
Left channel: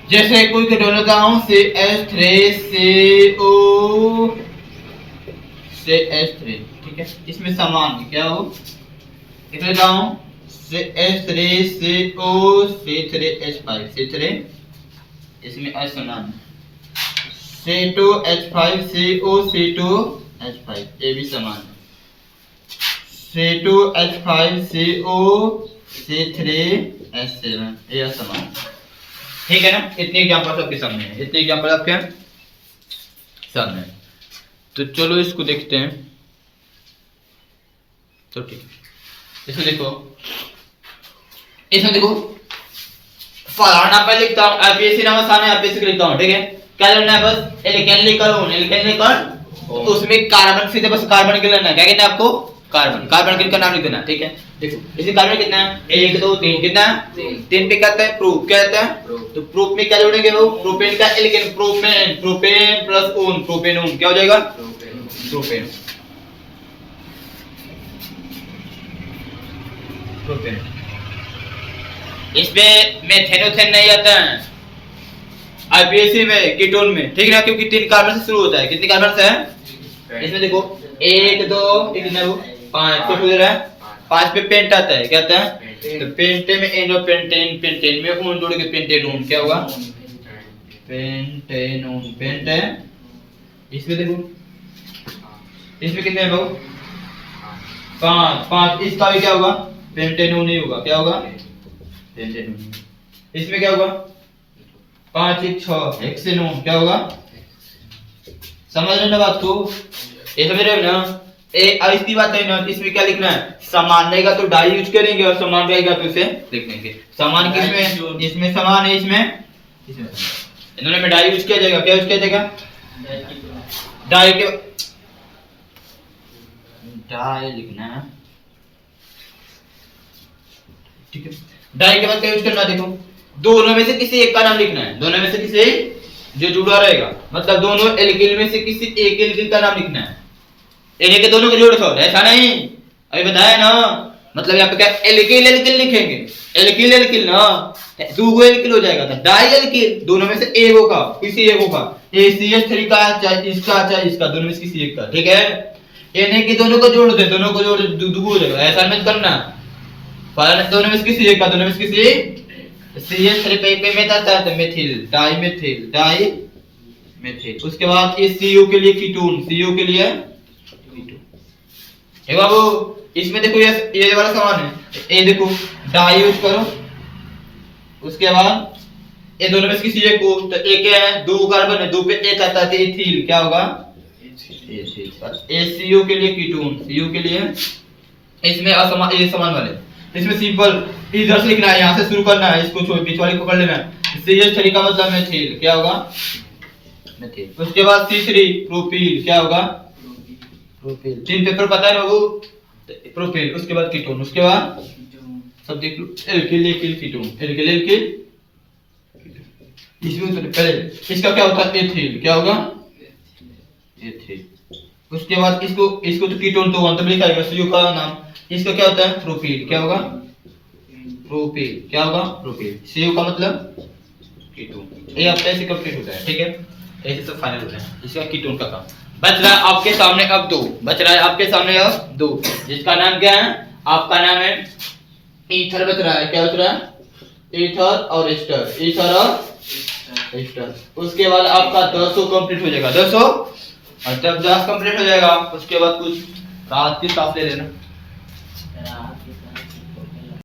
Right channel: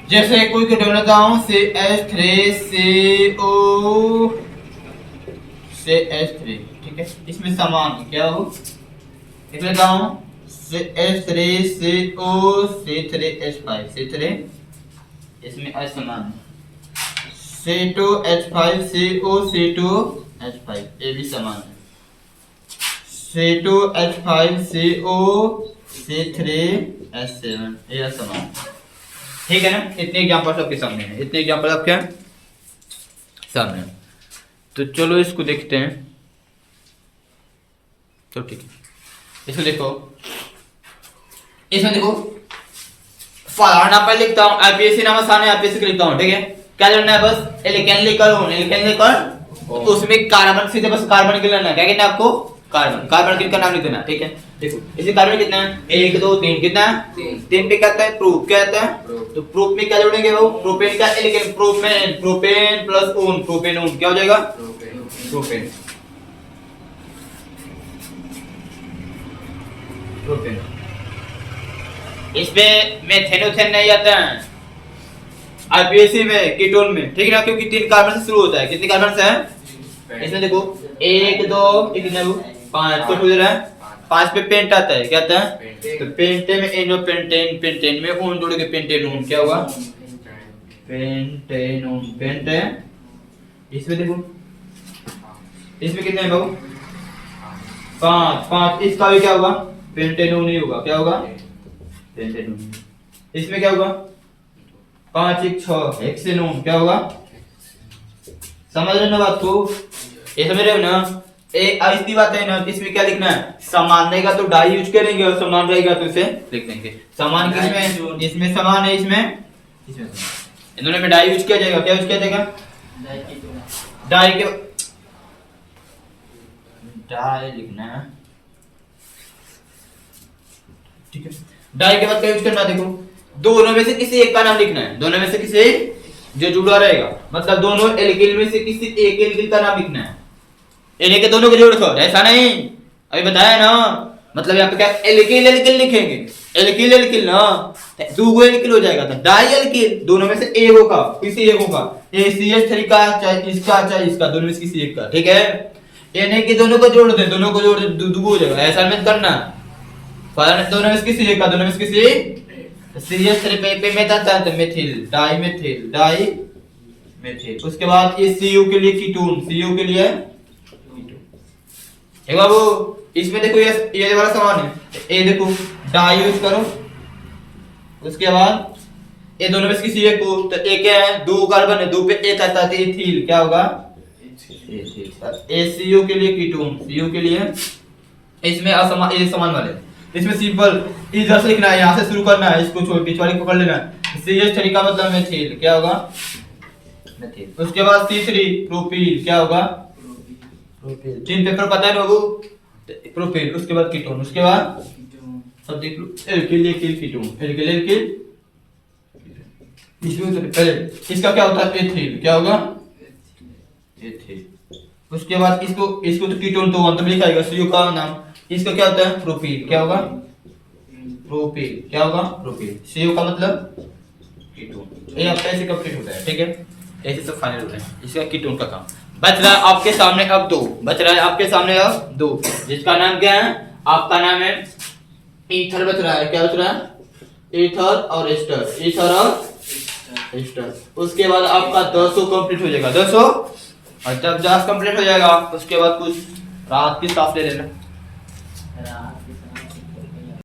जैसे कोई कीटोन लेता हूँ CH3CO CH3, ठीक है, इसमें समान क्या हो, लिख लेता हूँ CH3CO C3H5, C3, इसमें असमान है, C2H5CO C2H5, ये भी समान है, C2H5CO C3H7, ये समान है, ठीक है ना। इतने एग्जांपल आपके सामने है, इतने एग्जांपल आपके सामने है। तो चलो इसको देखते हैं, तो ठीक है, इसको देखो, इसमें देखो साधारण नाम पर लिखता हूँ, आईपीएसी नाम आसान है, आईपीएसी लिखता हूँ, ठीक है। क्या लेना है? बस एल्केन लिखकर, एल्केन लिखकर उसमें कार्बन सीधे बस कार्बन के लेना है, क्या कहना है आपको? कार्बन, कार्बन किसका नाम लिख देना, ठीक है। देखो इसे कार्बन कितना है? 1 2 3, कितना है? 3 पे कहता है प्रूफ, क्या कहता है? तो प्रूफ में क्या जोड़ेंगे वो? प्रोपेन का alkane, propane, propane plus one, propane one, क्या हो जाएगा? Propane, propane. इसमें मेथेनोथेन नहीं आता है आईपीएसी में, कीटोन में, ठीक है ना, क्योंकि 3 कार्बन से शुरू होता है। कितने कार्बन से है इसमें? देखो 1 2 5 को दे रहा है, 5 पे पेंट आता है, क्या आता है? तो पेंटे में एनो पेंटेन, पेंटेन में ओन जोड़ेंगे, पेंटेन ओन, क्या होगा? पेंटेन ओन, पेंट है। इसमें देखो इसमें कितने हैं बाबू? 5, इसका भी क्या होगा? पेंटेन ओन ही होगा, क्या होगा? Pentane own. इसमें क्या होगा? 5 1 6, हेक्सेनोन, क्या होगा? समझ रहे ना बात को? ये समझ रहे हो ना? ऐसी बात है ना, इसमें क्या लिखना है, समान रहेगा तो डाई यूज करेंगे और समान रहेगा तो इसे लिख देंगे। समान किसमें, इसमें समान है, इसमें इन्होंने में डाई यूज किया जाएगा। क्या यूज किया जाएगा, डाई के डाई लिखना है, ठीक है। डाई के बाद क्या यूज करना है, देखो दोनों में से किसी एक का नाम लिखना है, दोनों में से किसी जो जुड़ा रहेगा, मतलब दोनों एल्किल में से किसी एक एल्किल का नाम लिखना है। ये के दोनों को जोड़ दो, ऐसा नहीं, अभी बताया ना, मतलब यहाँ पे क्या एल्किल एल्किल लिखेंगे, एल्किल एल्किल ना, दो एल्किल हो जाएगा, तो डाई एल्किल दोनों में से एक होगा, किसी एक होगा, ये CH3 का चाहे इसका चाहे इसका, दोनों में से किसी एक का, ठीक है। ये नहीं कि दोनों को जोड़ दे, दोनों को जोड़ दे दो हो जाएगा, ऐसा मत करना, पर दोनों में से किसी एक का, दोनों में से किसी CH3 पे में जाता है तो methyl, di methyl, di methyl. उसके बाद ये Cu के लिए कीटोन, Cu के लिए कीटोन। बाबू इसमें देखो ये वाला समान है, ये देखो डाई यूज करो, उसके बाद ये दोनों में से किसी एक को, तो एक है दो कार्बन है, दो पे एक आता है तो एथिल, क्या होगा एथिल। Cu के लिए कीटोन, Cu के लिए इसमें असमान, ये समान वाले, इसमें सिंपल इधर से लिखना है, यहाँ से शुरू करना है, इसको छोड़ बीच वाली पकड़ लेना है। CH3 का मतलब मेथिल, क्या होगा मेथिल। उसके बाद C3 प्रोपील, क्या होगा प्रोपील। 3 पेपर पता है बाबू, प्रोपील। उसके बाद कीटोन, उसके बाद सब देख लो, alkyl alkyl ketone, alkyl alkyl. इसमें तो पहले इसका क्या होता है एथिल, क्या होगा एथिल। उसके बाद इसको तो कीटोन तो अंत में लिखा है, CO का नाम, इसका क्या होता है प्रोपील, क्या होगा प्रोपील, क्या होगा प्रोपील। CO का मतलब कीटोन। ये आपका ऐसे कंप्लीट होता है, ठीक है, ऐसे सब फाइनल होता है इसका कीटोन का काम। बच रहा है आपके सामने अब दो, बच रहा है आपके सामने अब दो, जिसका नाम क्या है, आपका नाम है ईथर बच रहा है, क्या बच रहा है ईथर और एस्टर, ईथर और एस्टर। उसके बाद आपका 200 कंप्लीट हो जाएगा, 200। और जब 10 कंप्लीट हो जाएगा उसके बाद कुछ राहत की सांस ले लेना।